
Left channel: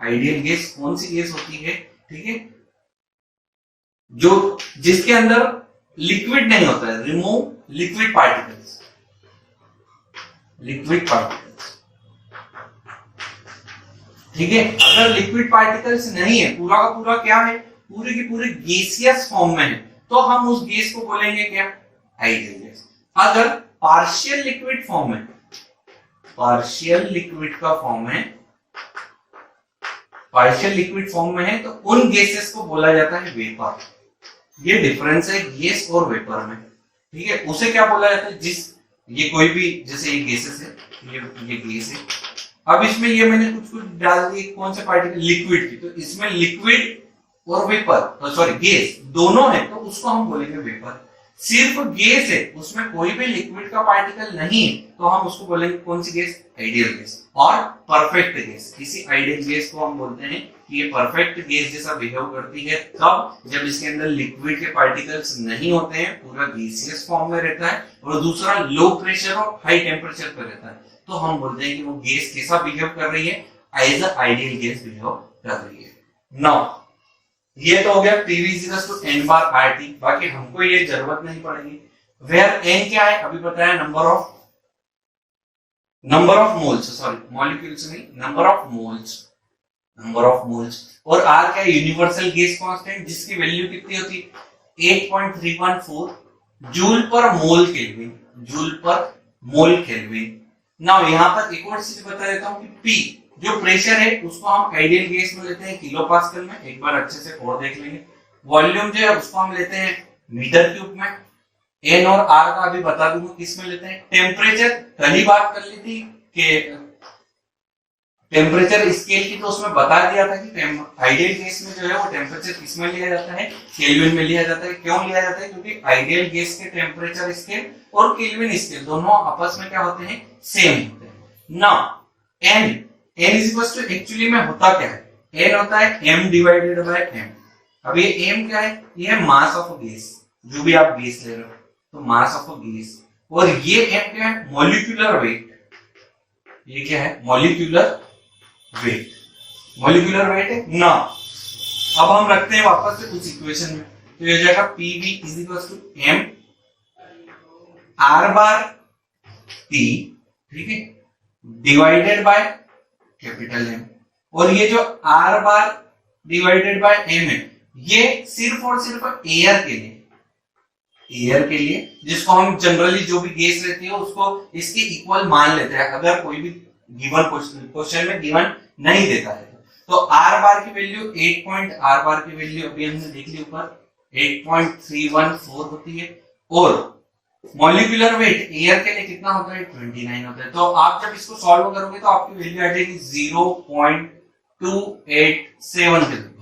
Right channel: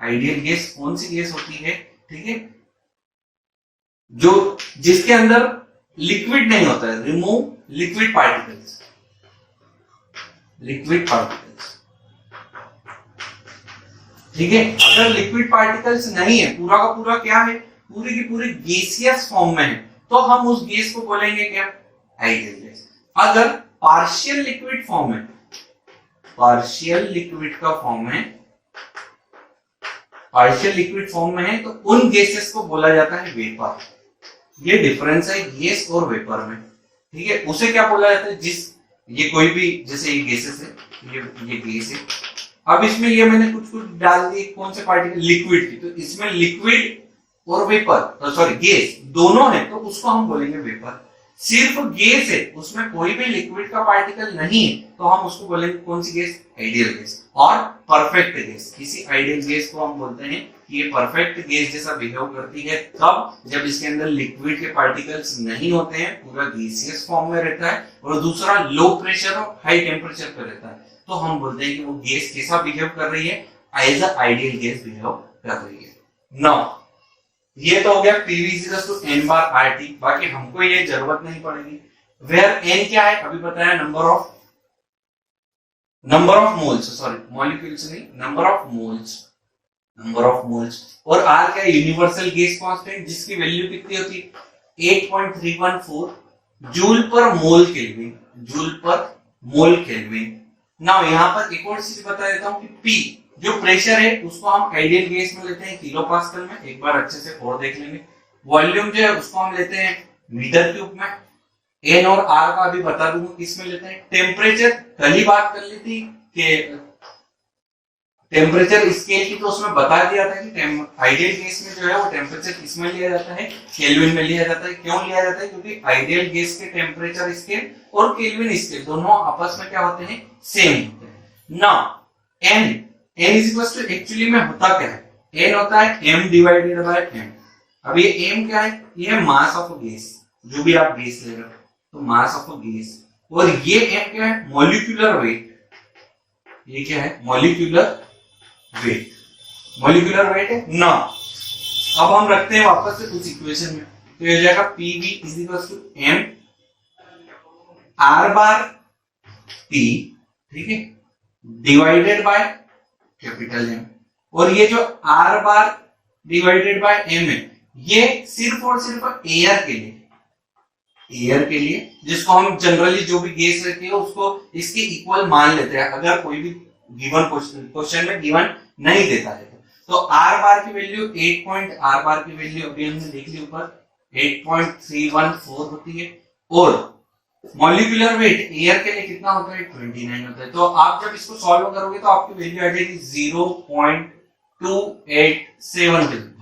आइडियल गैस कौन सी गैस होती है, ठीक है, जो जिसके अंदर लिक्विड नहीं होता है, remove liquid particles, liquid particles. ठीक है, अगर लिक्विड पार्टिकल्स नहीं है, पूरा का पूरा क्या है, पूरी की पूरी गैसियस फॉर्म में है, तो हम उस गैस को बोलेंगे क्या, आइडियल गैस। अगर पार्शियल लिक्विड फॉर्म है, पार्शियल लिक्विड का फॉर्म है, पार्शियल लिक्विड फॉर्म में है, तो उन गैसेस को बोला जाता है वेपर। ये डिफरेंस है गैस और वेपर में। ठीक है, उसे क्या बोला जाता है, जिस, ये कोई भी, जैसे ये गैसेस है, ये गैस है, अब इसमें ये मैंने कुछ कुछ डाल दिए, कौन से पार्टिकल, लिक्विड की, तो इसमें लिक्विड और वेपर, सॉरी गैस दोनों है, तो उसको हम बोलेंगे वेपर। सिर्फ गैस है, उसमें कोई भी लिक्विड का पार्टिकल नहीं है, तो हम उसको बोलेंगे कौन सी गैस, आइडियल गैस। और परफेक्ट गैस, किसी आइडियल गैस को हम बोलते हैं कि ये परफेक्ट गैस जैसा बिहेव करती है, तब जब इसके अंदर लिक्विड के पार्टिकल्स नहीं होते हैं, पूरा गैसियस फॉर्म में रहता है, और दूसरा लो प्रेशर और हाई टेम्परेचर पे रहता है, तो हम बोलते हैं कि वो गैस कैसा बिहेव कर रही है, as a ideal gas behave कर रही है। नाउ ये तो हो गया PV equals to n bar RT, बाकी हमको ये जरूरत नहीं पड़ेगी। वेयर n क्या है, अभी बताया, number of moles, sorry molecules नहीं, number of moles, number of moles, और R क्या है, यूनिवर्सल गैस कांस्टेंट, जिसकी वैल्यू कितनी होती है, 8.314 जूल पर मोल केल्विन, जूल पर मोल केल्विन। नाउ यहाँ पर एक और चीज बता देता हूँ कि P जो प्रेशर है उसको हम आइडियल गैस में लेते हैं किलो पास्कल में, एक बार अच्छे से और देख लेंगे। वॉल्यूम जो है उसको हम लेते हैं मीटर क्यूब में। एन और आर का अभी बता दूंगा किस में लेते हैं। टेम्परेचर कल ही बात कर ली थी कि टेम्परेचर स्केल की, तो उसमें बता दिया था कि आइडियल गैस में जो है वो टेम्परेचर किस में लिया जाता है, केल्विन में लिया जाता है। क्यों लिया जाता है, क्योंकि आइडियल गैस के टेम्परेचर स्केल और केल्विन स्केल दोनों आपस में क्या होते हैं, सेम होते हैं ना। N is equal to, actually में होता क्या है, एन होता है m डिवाइडेड बाय m। अब ये m क्या है, ये है मास ऑफ गैस, जो भी आप गैस ले रहे हो, तो मास ऑफ अ गैस, और ये क्या है, मॉलिक्यूलर वेट। ये क्या है, मॉलिक्यूलर वेट। मॉलिक्यूलर वेट है ना। अब हम रखते हैं वापस से कुछ इक्वेशन में, तो ये हो जाएगा PV is equal to M R bar T, ठीक है, डिवाइडेड बाय कैपिटल एम। और ये जो R bar divided by M है, ये सिर्फ और सिर्फ एयर के लिए, एयर के लिए, जिसको हम जनरली जो भी गैस रहती है उसको इसके इक्वल मान लेते हैं, अगर कोई भी गिवन क्वेश्चन में गिवन नहीं देता है। तो आर बार की वैल्यू 8 आर बार की वैल्यू अभी हमने देख ली ऊपर 8.314 होती है, और मॉलिक्यूलर वेट एयर के लिए कितना होता है, 29 होता है। तो आप जब इसको सॉल्व करोगे तो आपकी वैल्यू आ जाएगी 0.287 के लगभग।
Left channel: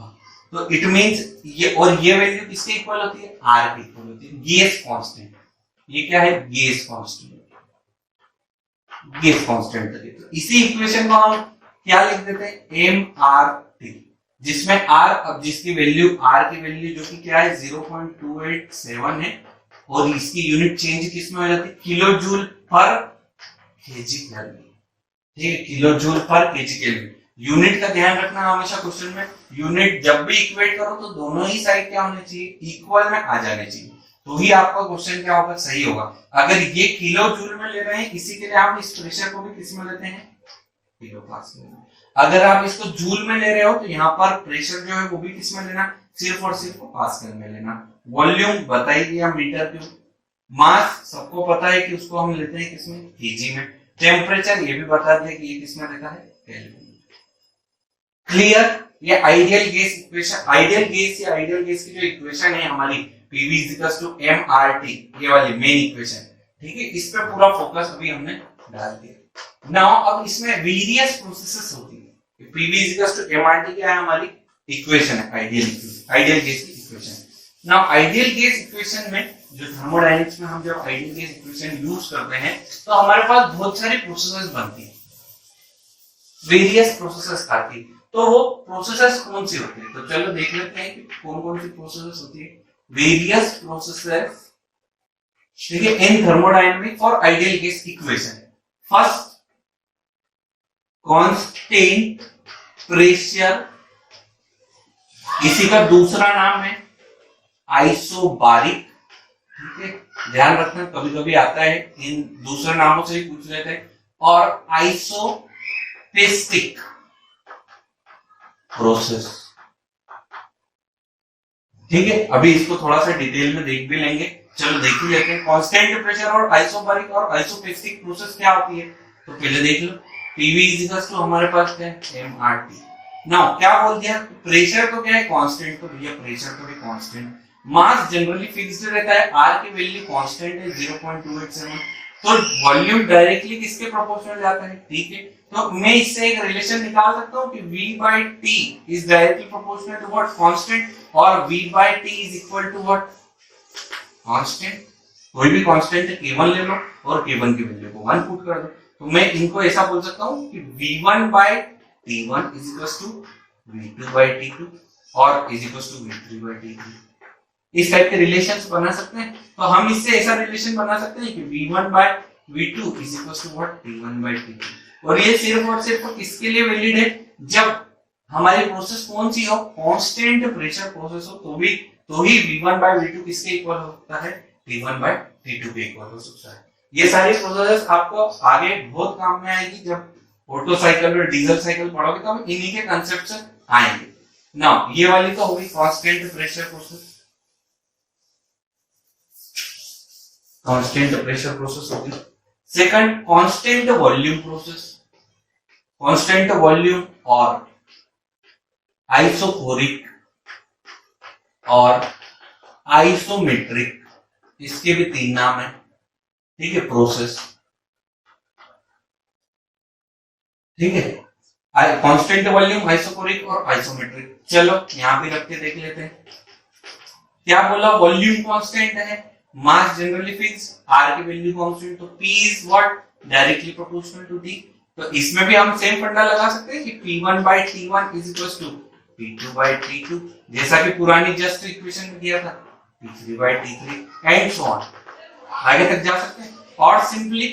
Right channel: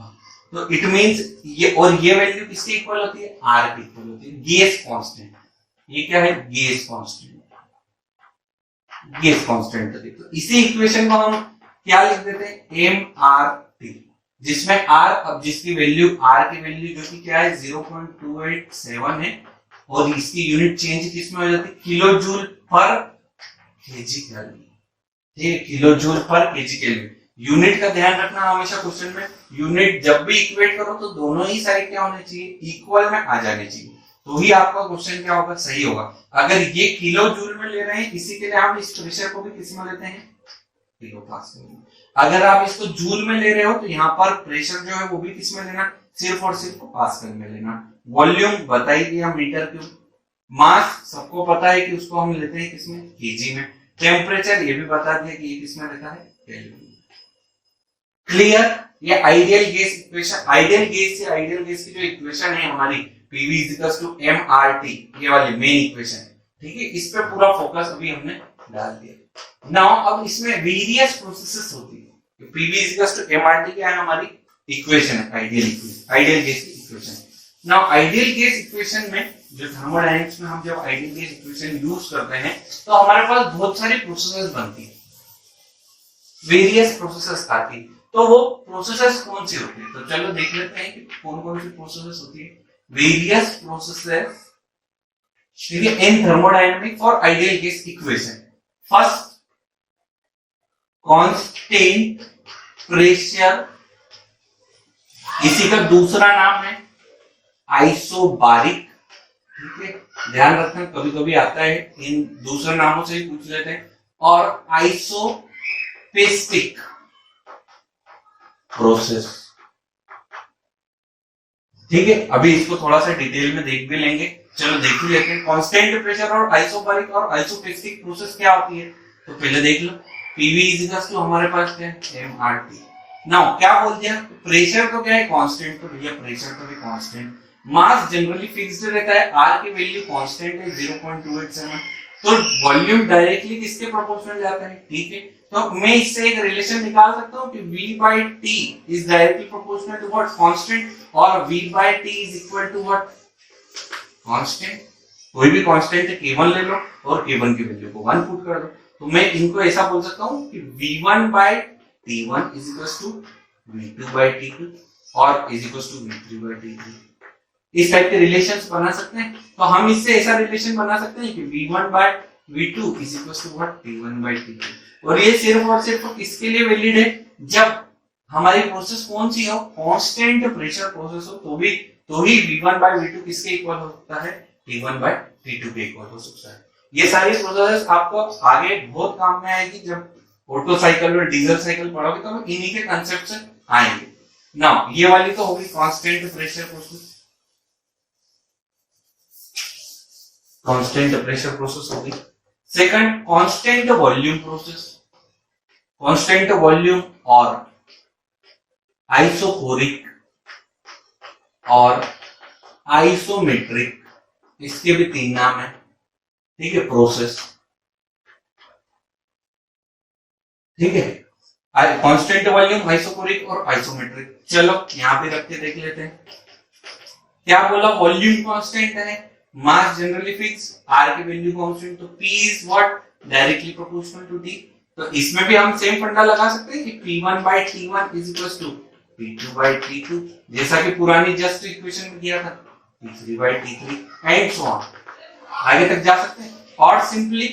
तो इट मींस ये, और ये वैल्यू किसके इक्वल होती है, आर के इक्वल होती है, गैस कांस्टेंट। ये क्या है, गैस कांस्टेंट, गैस कांस्टेंट। तो इसी इक्वेशन को हम क्या लिख देते हैं, एम आर टी, जिसमें आर, अब जिसकी वैल्यू आर की वैल्यू जो कि क्या है 0.287 है, और इसकी यूनिट चेंज किसमें हो जाती है, किलो जूल पर केजी केल्विन, ठीक है, किलो जूल पर केजी केल्विन। यूनिट का ध्यान रखना हमेशा क्वेश्चन में, यूनिट जब भी इक्वेट करो तो दोनों ही साइड क्या होने चाहिए, इक्वल में आ जाने चाहिए, तो ही आपका क्वेश्चन क्या होगा, सही होगा। अगर ये किलो जूल में ले रहे हैं, इसी के लिए हम इस प्रेशर को भी किस में लेते हैं, किलो पास्कल। अगर आप इसको जूल में ले रहे हो तो यहाँ पर प्रेशर जो है वो भी किस में लेना, सिर्फ और सिर्फ पास्कल में लेना। वॉल्यूम बता ही दिया, मीटर क्यूब। मास सबको पता है कि उसको हम लेते हैं किसमें, केजी में। टेम्परेचर ये भी बता दिया कि ये किसमें रहता है, केल्विन। क्लियर। ये ideal gas equation, ideal gas या आइडियल गैस की जो इक्वेशन है हमारी पीवी इक्वल्स टू एमआरटी, ये वाली मेन इक्वेशन, ठीक है, इस पे पूरा फोकस अभी हमने डाल दिया। नाउ अब इसमें वेरियस प्रोसेसेस होती है। पीवी इक्वल्स टू एमआरटी क्या है, हमारी इक्वेशन है, आइडियल इक्वेशन, आइडियल गैस की equation. Now ideal gas equation में जो थर्मोडायनेमिक्स में हम जब आइडियल गैस इक्वेशन यूज करते हैं तो हमारे पास बहुत सारी प्रोसेसेस बनती है, वेरियस प्रोसेसेस आती है। तो वो प्रोसेसेस कौन सी होती है, तो चलो देख लेते हैं कि कौन कौन सी प्रोसेसेस होती है। वेरियस प्रोसेसेस, ठीक है, इन thermodynamic for ideal gas equation. First, constant pressure, इसी का दूसरा नाम है आइसोबारिक, ठीक है, ध्यान रखना कभी कभी आता है, इन दूसरे नामों से ही पूछ लेते हैं। और आइसोपेस्टिक प्रोसेस, ठीक है, अभी इसको थोड़ा सा डिटेल में देख भी लेंगे। चलो देख ही लेते हैं कांस्टेंट प्रेशर और आइसोबारिक और आइसोपेस्टिक प्रोसेस क्या होती है। तो पहले देख लो, पीवी इज इक्वल्स टू हमारे पास क्या है, एमआरटी। नाउ क्या बोल दिया, प्रेशर तो क्या है, कांस्टेंट, तो भैया प्रेशर तो भी कांस्टेंट। मास जनरली फिक्स्ड रहता है, आर की वैल्यू कांस्टेंट है 0.287, तो वॉल्यूम डायरेक्टली किसके प्रोपोर्शनल जाता है, ठीक है। तो मैं इससे एक रिलेशन निकाल सकता हूं कि V by T is directly proportional to what, constant, और V by T is equal to what, constant. कोई भी कांस्टेंट है, K1 ले लो और K1 की वैल्यू को 1 पुट कर दो, तो मैं इनको ऐसा बोल सकता हूं कि V1 by T1 is equal to V2 by T2 और is equal to V3 by T3। इस टाइप के रिलेशंस बना सकते हैं। तो हम इससे ऐसा रिलेशन बना सकते हैं कि V1 by V2 is equal to what, T1 by T2। और ये सिर्फ और सिर्फ किसके लिए वैलिड है, जब हमारी प्रोसेस कौन सी हो, कांस्टेंट प्रेशर प्रोसेस हो, तो ही V1 by V2 किसके इक्वल हो सकता है, T1 by T2 के इक्वल हो सकता है। ये सारी प्रोसेसेस आपको आगे बहुत काम में आएगी, जब ऑटो साइकिल और डीजल साइकिल पढ़ोगे तो हम इन्हीं के कंसेप्ट से आएंगे। नाउ ये वाली तो होगी constant pressure process, constant pressure process होगी। Second, constant volume process. Constant volume और आइसोकोरिक और आइसोमेट्रिक, इसके भी 3 नाम है, ठीक है, प्रोसेस, ठीक है। कांस्टेंट वॉल्यूम, आइसोकोरिक और आइसोमेट्रिक। चलो यहां पे रख के देख लेते हैं। क्या बोला, वॉल्यूम कांस्टेंट है, मास जनरली फिक्स, आर की वैल्यू कांस्टेंट, तो P is what, directly proportional to D। तो इसमें भी हम सेम फंडा लगा सकते हैं कि P1 by T1 is equal to P2 by T2, जैसा कि पुरानी जस्ट इक्वेशन में किया था। T3 by T3 and so on, आगे तक जा सकते हैं। और simply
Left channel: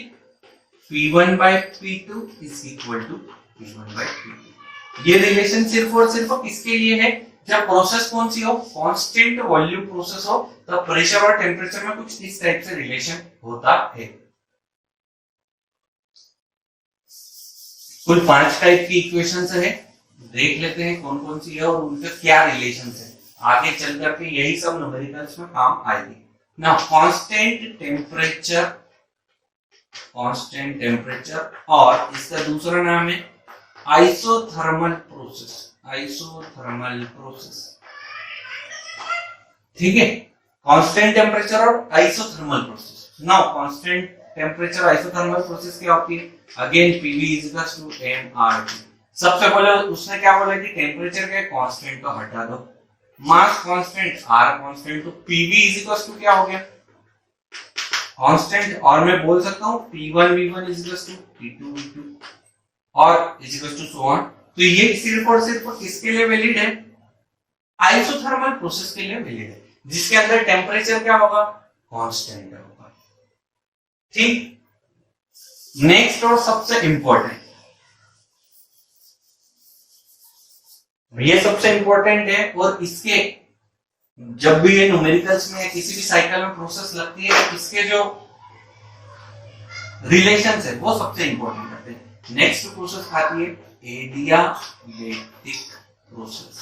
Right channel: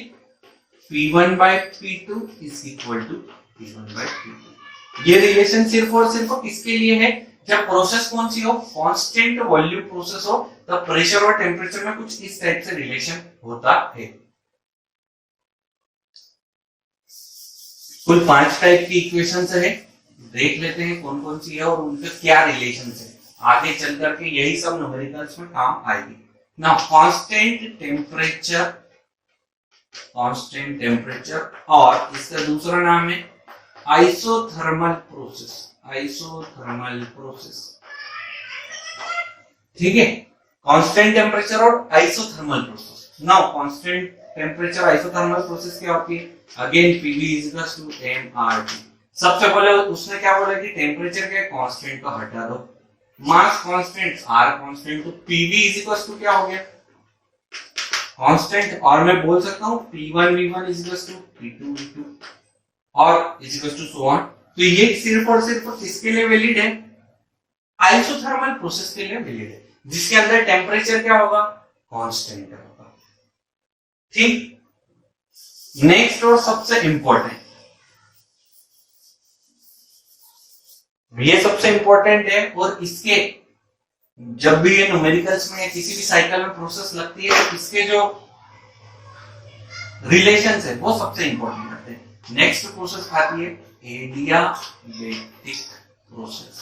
P1 by P2 is equal to P1 by P2। ये रिलेशन सिर्फ और सिर्फ किसके लिए है? जब प्रोसेस कौन सी हो? कांस्टेंट वॉल्यूम प्रोसेस हो, तब प्रेशर और टेम्परेचर में कुछ इस टाइप से रिलेशन होता है। कुल 5 टाइप की इक्वेशंस है, देख लेते हैं कौन कौन सी है और उनके क्या रिलेशन है। आगे चल करके यही सब न्यूमेरिकल्स में काम आएगी। नाउ कांस्टेंट टेम्परेचर और इसका दूसरा नाम है आइसोथर्मल प्रोसेस। ठीक है, कांस्टेंट टेम्परेचर और isothermal process. Now constant temperature isothermal process क्या होती है? Again PV equals to mRT। सबसे पहले उसने क्या बोला कि टेम्परेचर क्या कांस्टेंट को हटा दो, मास कांस्टेंट, R कांस्टेंट, तो PV इक्वल्स टू क्या हो गया? कांस्टेंट। और मैं बोल सकता हूं P1 V1 equals to P2 V2 और इक्वल्स टू सो ऑन। तो ये सिर्फ और सिर्फ किसके लिए वैलिड है? आइसोथर्मल प्रोसेस के लिए वैलिड है, जिसके अंदर टेम्परेचर क्या होगा? कांस्टेंट होगा। ठीक, नेक्स्ट और सबसे इंपॉर्टेंट, ये सबसे इंपॉर्टेंट है और इसके जब भी ये न्यूमेरिकल्स में या किसी भी साइकिल में प्रोसेस लगती है तो इसके जो रिलेशंस है वो सबसे इंपॉर्टेंट रहते हैं। नेक्स्ट प्रोसेस आती है एडियाबेटिक प्रोसेस।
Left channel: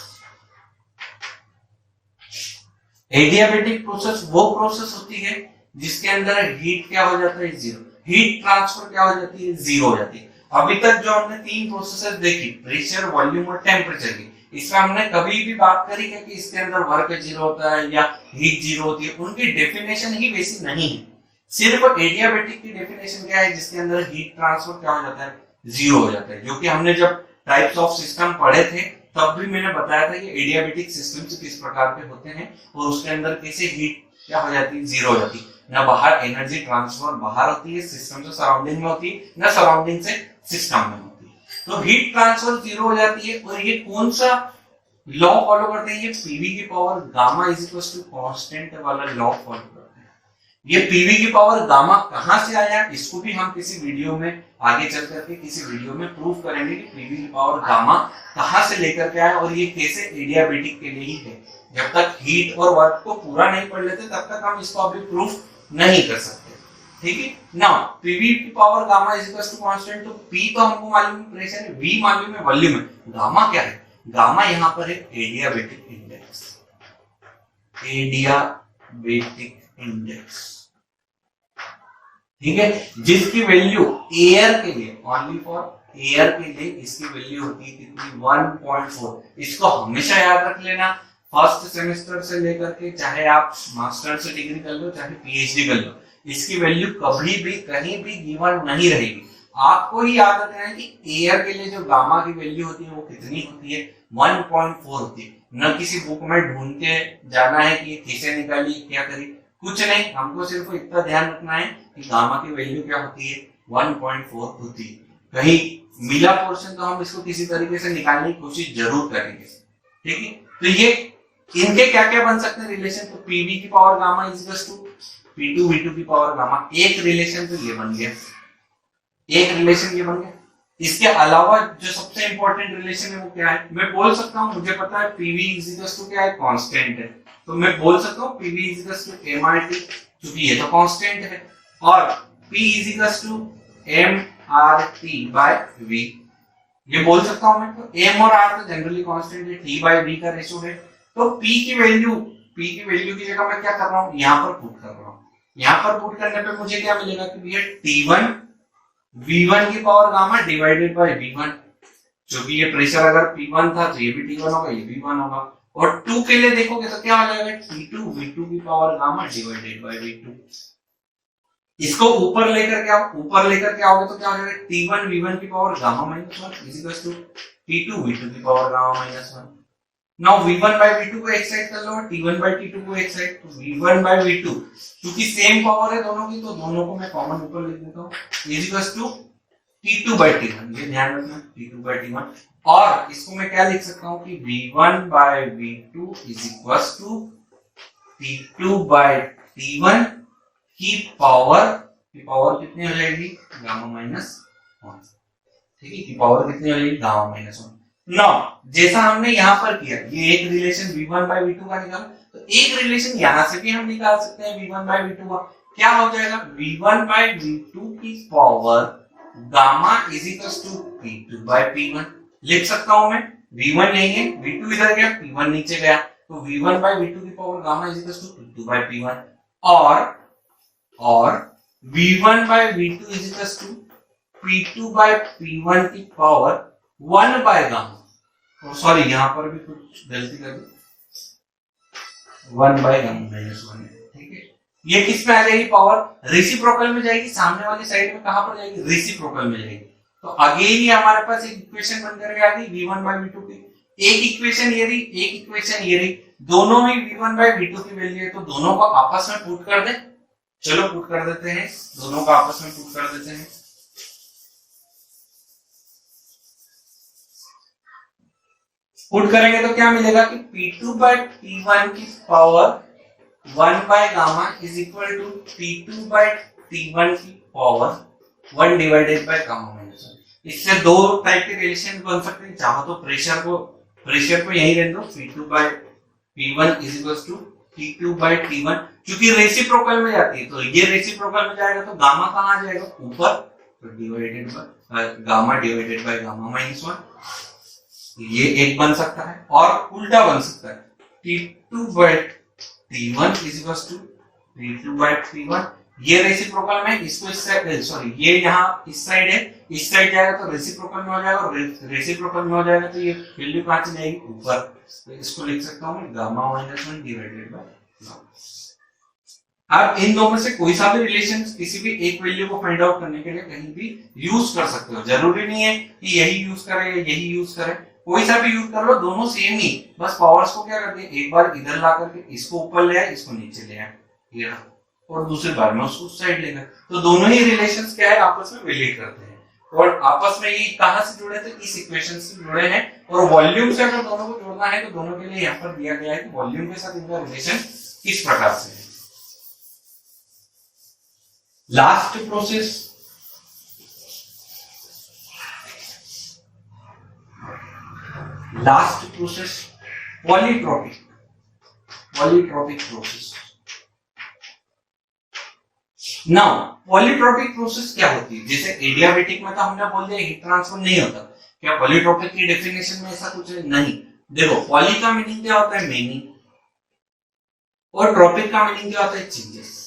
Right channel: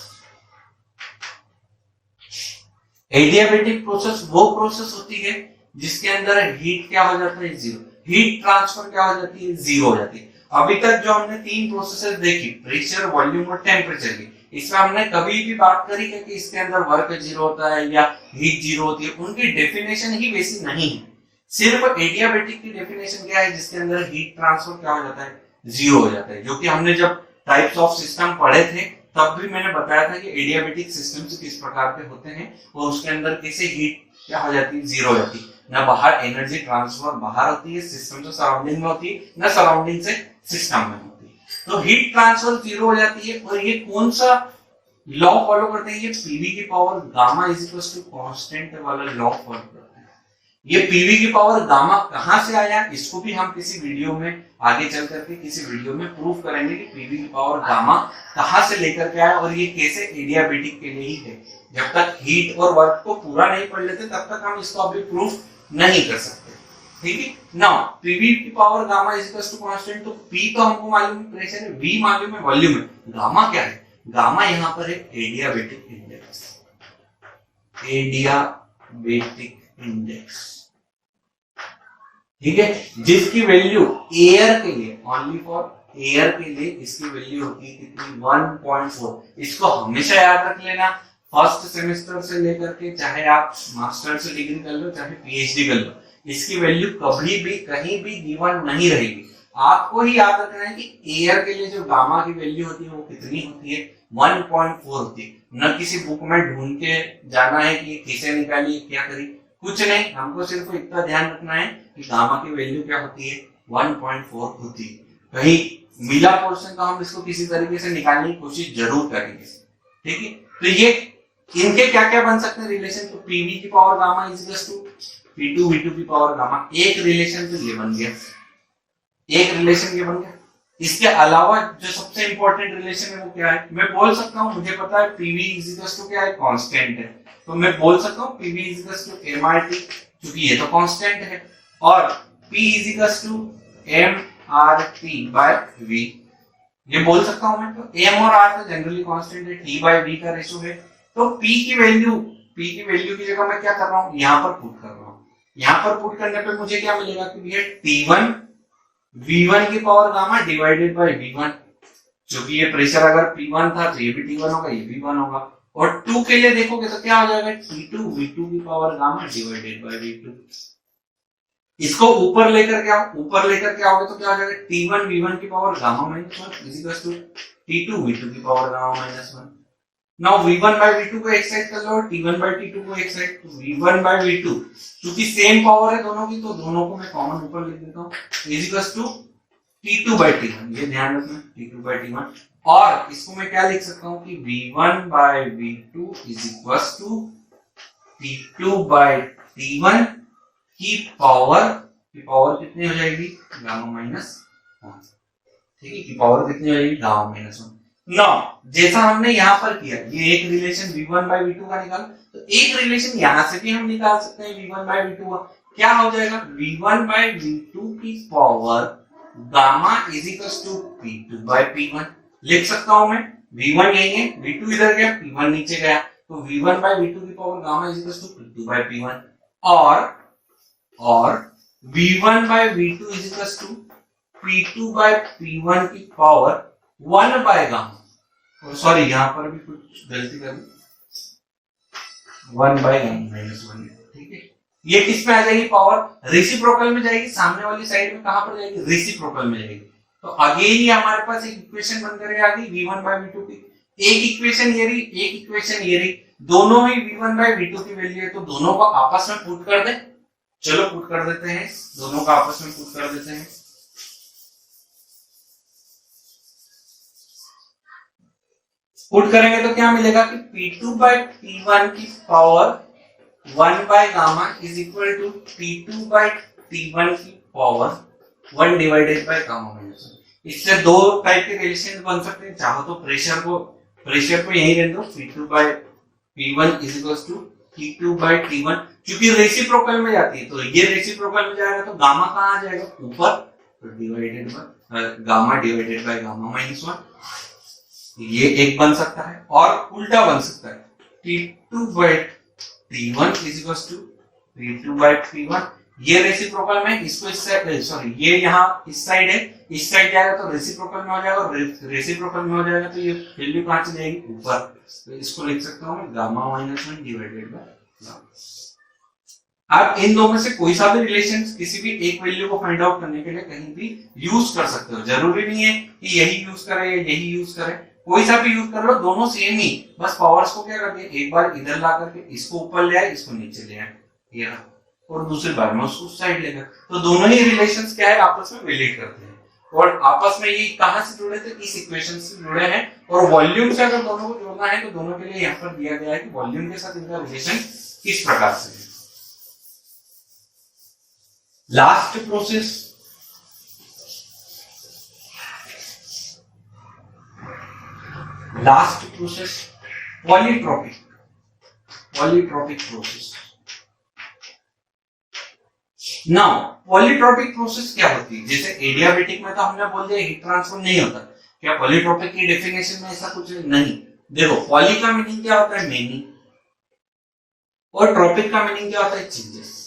एडियाबेटिक प्रोसेस वो प्रोसेस होती है जिसके अंदर हीट क्या हो जाता है? जीरो। हीट ट्रांसफर क्या हो जाती है? जीरो हो जाती है। अभी तक जो हमने 3 प्रोसेसेस देखी, प्रेशर, वॉल्यूम और टेम्परेचर की, इसमें हमने कभी भी बात करी है कि इसके अंदर वर्क जीरो होता है या हीट जीरो होती है, उनकी डेफिनेशन ही वैसी नहीं है। सिर्फ एडियाबेटिक की डेफिनेशन क्या है? जिसके अंदर हीट ट्रांसफर क्या हो जाता है? जीरो हो जाता है। जो कि हमने जब टाइप्स ऑफ सिस्टम पढ़े थे तब भी मैंने बताया था कि एडियाबेटिक सिस्टम किस प्रकार के होते हैं और उसके अंदर कैसे हीट क्या हो जाती है? जीरो हो जाती है। ना बाहर एनर्जी ट्रांसफर बाहर होती है सिस्टम से सराउंडिंग में होती है, ना सराउंडिंग से सिस्टम में होती है। तो हीट ट्रांसफर जीरो हो जाती है। और ये कौन सा लॉ फॉलो करते हैं? ये पीवी की power gamma is equals to constant वाला लॉ फॉलो करते हैं। ये पीवी की पावर गामा कहां से आया, इसको भी हम किसी वीडियो में आगे चल करके किसी वीडियो में प्रूव करेंगे कि पीवी की पावर गामा कहां से लेकर के आया और ये कैसे एडियाबेटिक के लिए ही है। जब तक हीट और वर्क को पूरा नहीं पढ़ लेते तब तक हम इसको अभी प्रूफ नहीं कर सकते। ठीक है ना, पीवी की power gamma is equal to constant. तो पी तो हमको मालूम है प्रेशर है, वी मालूम है वॉल्यूम है, गामा क्या है? गामा यहाँ पर है एडियाबेटिक इंडेक्स। एडियाबेटिक इंडेक्स, ठीक है, जिसकी वैल्यू एयर के लिए, ओनली फॉर एयर के लिए इसकी वैल्यू होती है कितनी? 1.4। इसको हमेशा याद रख लेना, फर्स्ट सेमेस्टर से लेकर के चाहे आप मास्टर से डिग्री कर लो चाहे पीएचडी कर लो, इसकी वैल्यू कभी भी कहीं भी गिवन नहीं रहेगी। आपको ही याद रखना है कि एयर के लिए जो गामा की वैल्यू होती है वो कितनी होती है? 1.4 होती है। न किसी बुक में ढूंढ के जाना है कि ये कैसे निकाली, क्या करी, कुछ नहीं। हमको सिर्फ इतना ध्यान रखना है कि गामा की वैल्यू क्या होती है? 1.4 होती है। कहीं मिला पोर्शन तो हम इसको किसी तरीके से निकालने की कोशिश जरूर करेंगे। ठीक है, तो ये इनके क्या क्या बन सकते हैं रिलेशन? तो पीवी की power gamma is equal to P2 V2 की पावर गामा। एक रिलेशन तो ये बन गया, एक रिलेशन ये बन गया। इसके अलावा जो सबसे इंपॉर्टेंट रिलेशन है वो क्या है? मैं बोल सकता हूं, मुझे पता है PV इज इक्वल टू क्या है? कांस्टेंट है, तो मैं बोल सकता हूं PV is equal to mRT, क्योंकि ये तो कांस्टेंट है, और P is equal to mRT by V, ये बोल सकता हूं मैं। तो m और r तो जनरली कांस्टेंट है, T बाय V का रेशो है। तो P की वैल्यू की जगह मैं क्या कर रहा हूं? यहां पर पुट कर रहा हूं। यहां पर पुट करने पे मुझे क्या मिलेगा कि भैया T1 V1 की power gamma divided by V1, क्योंकि ये प्रेशर अगर P1 था तो ये भी T1 होगा, ये भी 1 होगा। और 2 के लिए देखोगे तो क्या हो जाएगा? T2 V2 की power gamma divided by V2। इसको ऊपर लेकर के आओ, ऊपर लेकर के आओगे तो क्या हो जाएगा? T1 V1 की power gamma -1 is equal to T2 V2 की power gamma -1। Now V1 by V2 को एक साइड कर लो, T1 by T2 को एक साइड। तो V1 by V2 क्योंकि सेम पावर है दोनों की, तो दोनों को मैं कॉमन ऊपर लिख देता हूँ, is equal to T2 by T1। ये ध्यान रखना, T2 by T1। और इसको मैं क्या लिख सकता हूँ कि V1 by V2 is equal to T2 by T1 की पावर कितनी हो जाएगी, गामा माइनस 1, ठीक है, की पावर कितनी हो जाएगी, गामा माइनस 1। नाउ जैसा हमने यहाँ पर किया, ये एक रिलेशन v1 बाय v2 का निकाल, तो एक रिलेशन यहाँ से भी हम निकाल सकते हैं v1 बाय v2 का। क्या हो जाएगा, v1 बाय v2 की power gamma is equal to p2 by p1। लिख सकता हूं मैं, v1 यही है, v2 इधर गया, p1 नीचे गया, तो v1 बाय v2 की power gamma is equal to p2 by p1, और v1 by v2 is equal to p2 by p1 की पावर 1 बाय गामा, और सॉरी यहाँ पर भी कुछ गलती कर दी, 1 बाय गामा माइनस 1, ठीक है। ये किस में आ जाएगी पावर, रेसिप्रोकल में जाएगी, सामने वाली साइड में कहां पर जाएगी, रेसिप्रोकल में जाएगी। तो अगेन ये हमारे पास एक इक्वेशन बन कर आ गई v1 बाय v2 की, एक इक्वेशन ये रही, एक इक्वेशन ये रही, दोनों में v1 बाय v2 की वैल्यू है, तो दोनों को आपस में पुट कर दें। चलो पुट कर देते हैं, दोनों को आपस में पुट कर देते हैं। पुट करेंगे तो क्या मिलेगा कि P2 बाय P1 की power 1 by gamma is equal to P2 by T1 की पावर 1 डिवाइडेड बाय गामा माइनस 1। इससे दो टाइप के रिलेशन बन सकते हैं, चाहो तो प्रेशर को यही रहने दो, P2 by P1 is equal to T2 by T1, क्योंकि रेसिप्रोकल में जाती है, तो ये रेसिप्रोकल में जाएगा तो गामा कहाँ आ जाएगा, ऊपर, तो divided by gamma divided by गामा माइनस 1, ये एक बन सकता है। और उल्टा बन सकता है, T2 by T1 is equal to P2 by P1, ये रेसिप्रोकल में, इसको इस साइड, सॉरी ये यहाँ इस साइड है, इस साइड जाएगा तो रेसिप्रोकल में हो जाएगा, और रेसिप्रोकल में हो जाएगा तो ये वैल्यू कहाँ चली जाएगी, ऊपर, तो इसको लिख सकता हूँ मैं gamma minus 1 divided by gamma. आप इन दो में से कोई सा भी रिलेशन किसी भी एक वैल्यू को फाइंड आउट करने के लिए कहीं भी यूज कर सकते हो, जरूरी नहीं है कि यही यूज करें या यही यूज करें, कोई सा भी यूज कर लो, दोनों सेम ही, बस पावर्स को क्या करते हैं, एक बार इधर ला करके इसको ऊपर ले आए, इसको नीचे ले आए, ये और दूसरी बार में उसको साइड लेगा, तो दोनों ही रिलेशंस क्या है, आपस में रिलेट करते हैं, और आपस में ये कहां से जुड़े थे, इस इक्वेशन से जुड़े हैं, और वॉल्यूम से अगर दोनों को जोड़ना है तो दोनों के लिए यहाँ पर दिया गया है कि वॉल्यूम के साथ इनका रिलेशन किस प्रकार से है। Last process polytropic process. Now polytropic process क्या होती है, जैसे एडियाबेटिक में तो हमने बोल दिया हीट ट्रांसफर नहीं होता, क्या पॉलीट्रोपिक की डेफिनेशन में ऐसा कुछ नहीं। देखो पॉली का मीनिंग क्या होता है, मेनी, और ट्रोपिक का मीनिंग क्या होता है, चेंजेस।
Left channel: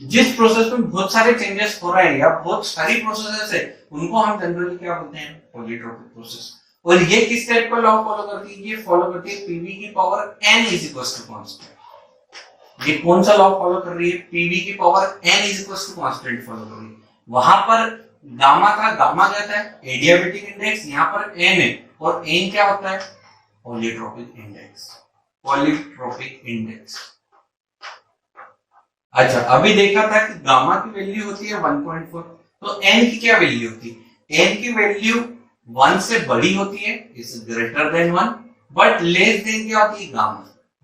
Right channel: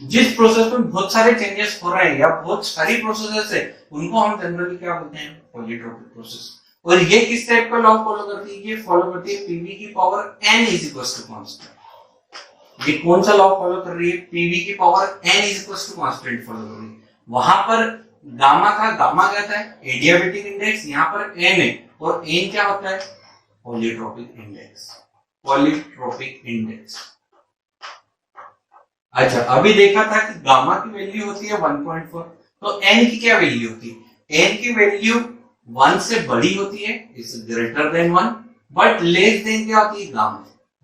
जिस प्रोसेस में बहुत सारे चेंजेस हो रहे हैं या बहुत सारी प्रोसेसेस है, उनको हम जनरली क्या बोलते हैं, पॉलीट्रोपिक प्रोसेस। और ये किस टाइप का लॉ फॉलो करती है, ये फॉलो करती है पीवी की power n is equal to constant. ये कौन सा लॉ फॉलो कर रही है, पीवी की power n is equal to constant follow कर रही है। वहां पर गामा क्या था, एडियाबेटिक इंडेक्स, यहाँ पर n है, और n क्या होता है, पॉलीट्रोपिक इंडेक्स। अच्छा अभी देखा था कि गामा की वैल्यू होती है 1.4, तो n की क्या वैल्यू होती है, n की वैल्यू 1 से बड़ी होती है, is greater than 1, but less than क्या होती है,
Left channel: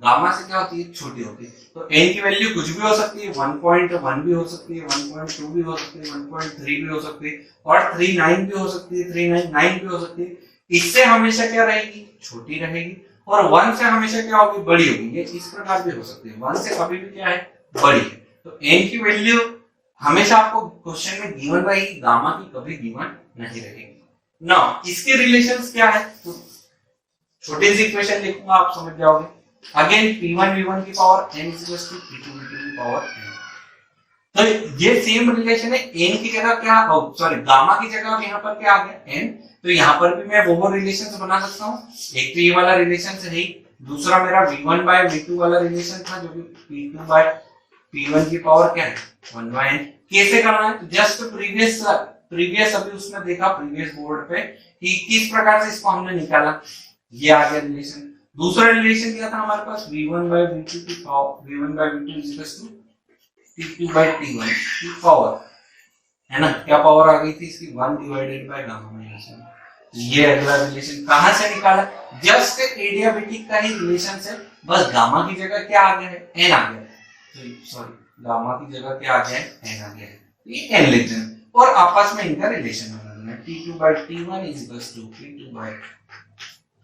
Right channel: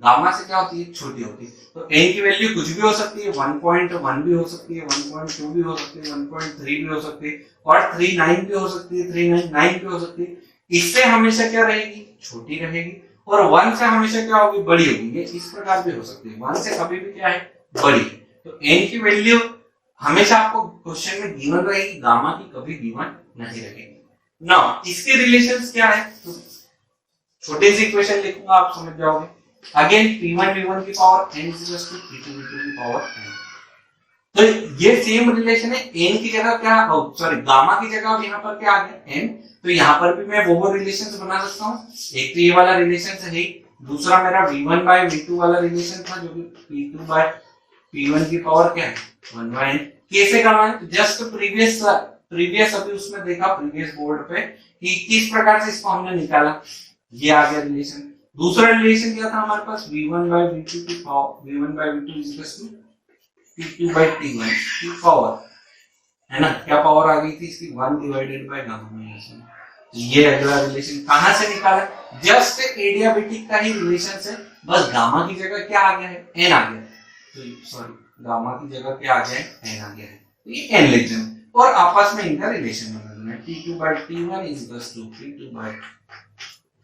गामा से क्या होती है, छोटी होती है। तो n की वैल्यू कुछ भी हो सकती है, 1.1 भी हो सकती है, 1.2 भी हो सकती है, 1.3 भी हो सकती है, और 3.9 भी हो सकती है, 3.9 भी हो सकती है। इससे हमेशा क्या रहेगी, छोटी रहेगी, और 1 से हमेशा क्या होगी, बड़ी होगी। ये इस प्रकार भी हो सकती है, 1 से कभी भी क्या है, बड़ी है। तो n की वैल्यू हमेशा आपको क्वेश्चन में गिवन रहेगी, गामा की कभी गिवन नहीं रहेगी। नाउ इसके रिलेशंस क्या है, तो छोटे से इक्वेशन लिखूंगा, आप समझ जाओगे। अगेन p1 v1 की power n is equal to p2 v2 की पावर n। तो ये सेम रिलेशन है, n की जगह क्या, सॉरी गामा की जगह यहाँ पर क्या आ गया, n, तो यहाँ पर भी मैं वो रिलेशंस बना सकता हूँ। एक तो ये वाला रिलेशन है, दूसरा मेरा v1 बाय v2 वाला रिलेशन था, जो कि p2 बाय p1 की पावर क्या है, 1 बाय n। कैसे करना है, जस्ट प्रीवियस अभी उसमें देखा प्रीवियस बोर्ड पे कि किस प्रकार से इसको हमने निकाला, ये आ गया रिलेशन। दूसरा रिलेशन क्या था हमारे पास, v1 बाय v2 की power, v1 by v2 is equal to t2 by t1 की पावर, है ना, क्या पावर आ गई थी इसकी, 1 डिवाइडेड बाय गामा माइनस 1। ये अगला रिलेशन कहां से निकाला, जस्ट एडियाबेटिक का ही रिलेशन है, बस गामा की जगह क्या आ गया है, एन आ गया है, तो सॉरी गामा की जगह क्या आ गया है, एन आ गया है, ये एन लेते हैं और आपस में इनका रिलेशन बनाना है, T2 by T1 is equals to P2 by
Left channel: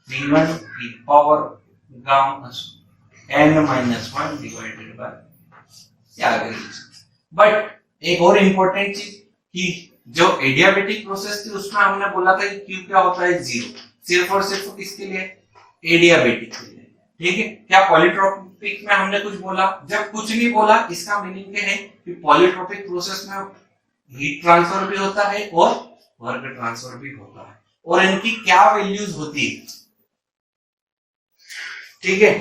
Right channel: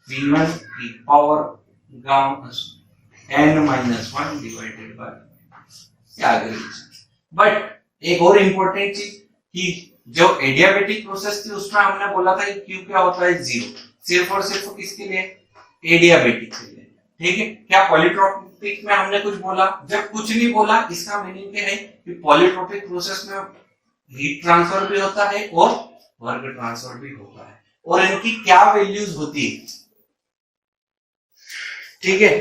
P1 की power gamma n minus 1 divided by क्या आ गया। बट एक और इम्पोर्टेंट चीज कि जो एडियाबेटिक प्रोसेस थी उसमें हमने बोला था कि क्यू क्या होता है, जीरो, सिर्फ और सिर्फ किसके लिए, एडियाबेटिक के लिए, ठीक है। क्या पॉलीट्रोपिक में हमने कुछ बोला, जब कुछ नहीं बोला इसका मीनिंग क्या है कि पॉलीट्रोपिक प्रोसेस में हीट ट्रांसफर भी होता है और वर्क ट्रांसफर भी होता है, और इनकी क्या वैल्यूज होती है, ठीक है,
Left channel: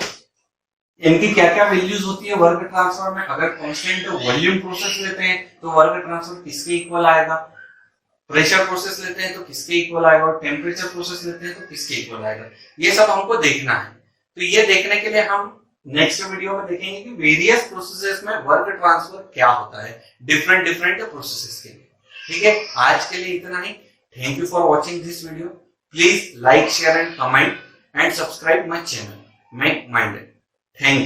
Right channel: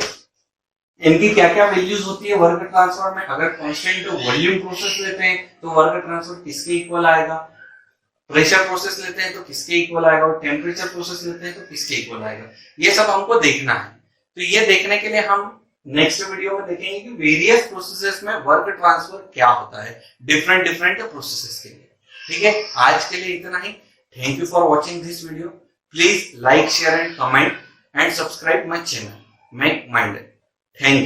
इनकी क्या क्या वैल्यूज होती है वर्क ट्रांसफर में। अगर कांस्टेंट वॉल्यूम प्रोसेस लेते हैं तो वर्क ट्रांसफर किसके इक्वल आएगा, प्रेशर प्रोसेस लेते हैं तो किसके इक्वल आएगा, और टेम्परेचर प्रोसेस लेते हैं तो किसके इक्वल आएगा, ये सब हमको देखना है। तो ये देखने के लिए हम नेक्स्ट वीडियो में देखेंगे कि वेरियस प्रोसेसेस में वर्क ट्रांसफर क्या होता है, डिफरेंट प्रोसेसेस के लिए, ठीक है। आज के लिए इतना ही। Thank you for watching this video. Please like, share and comment and subscribe my channel make mind. Thank you.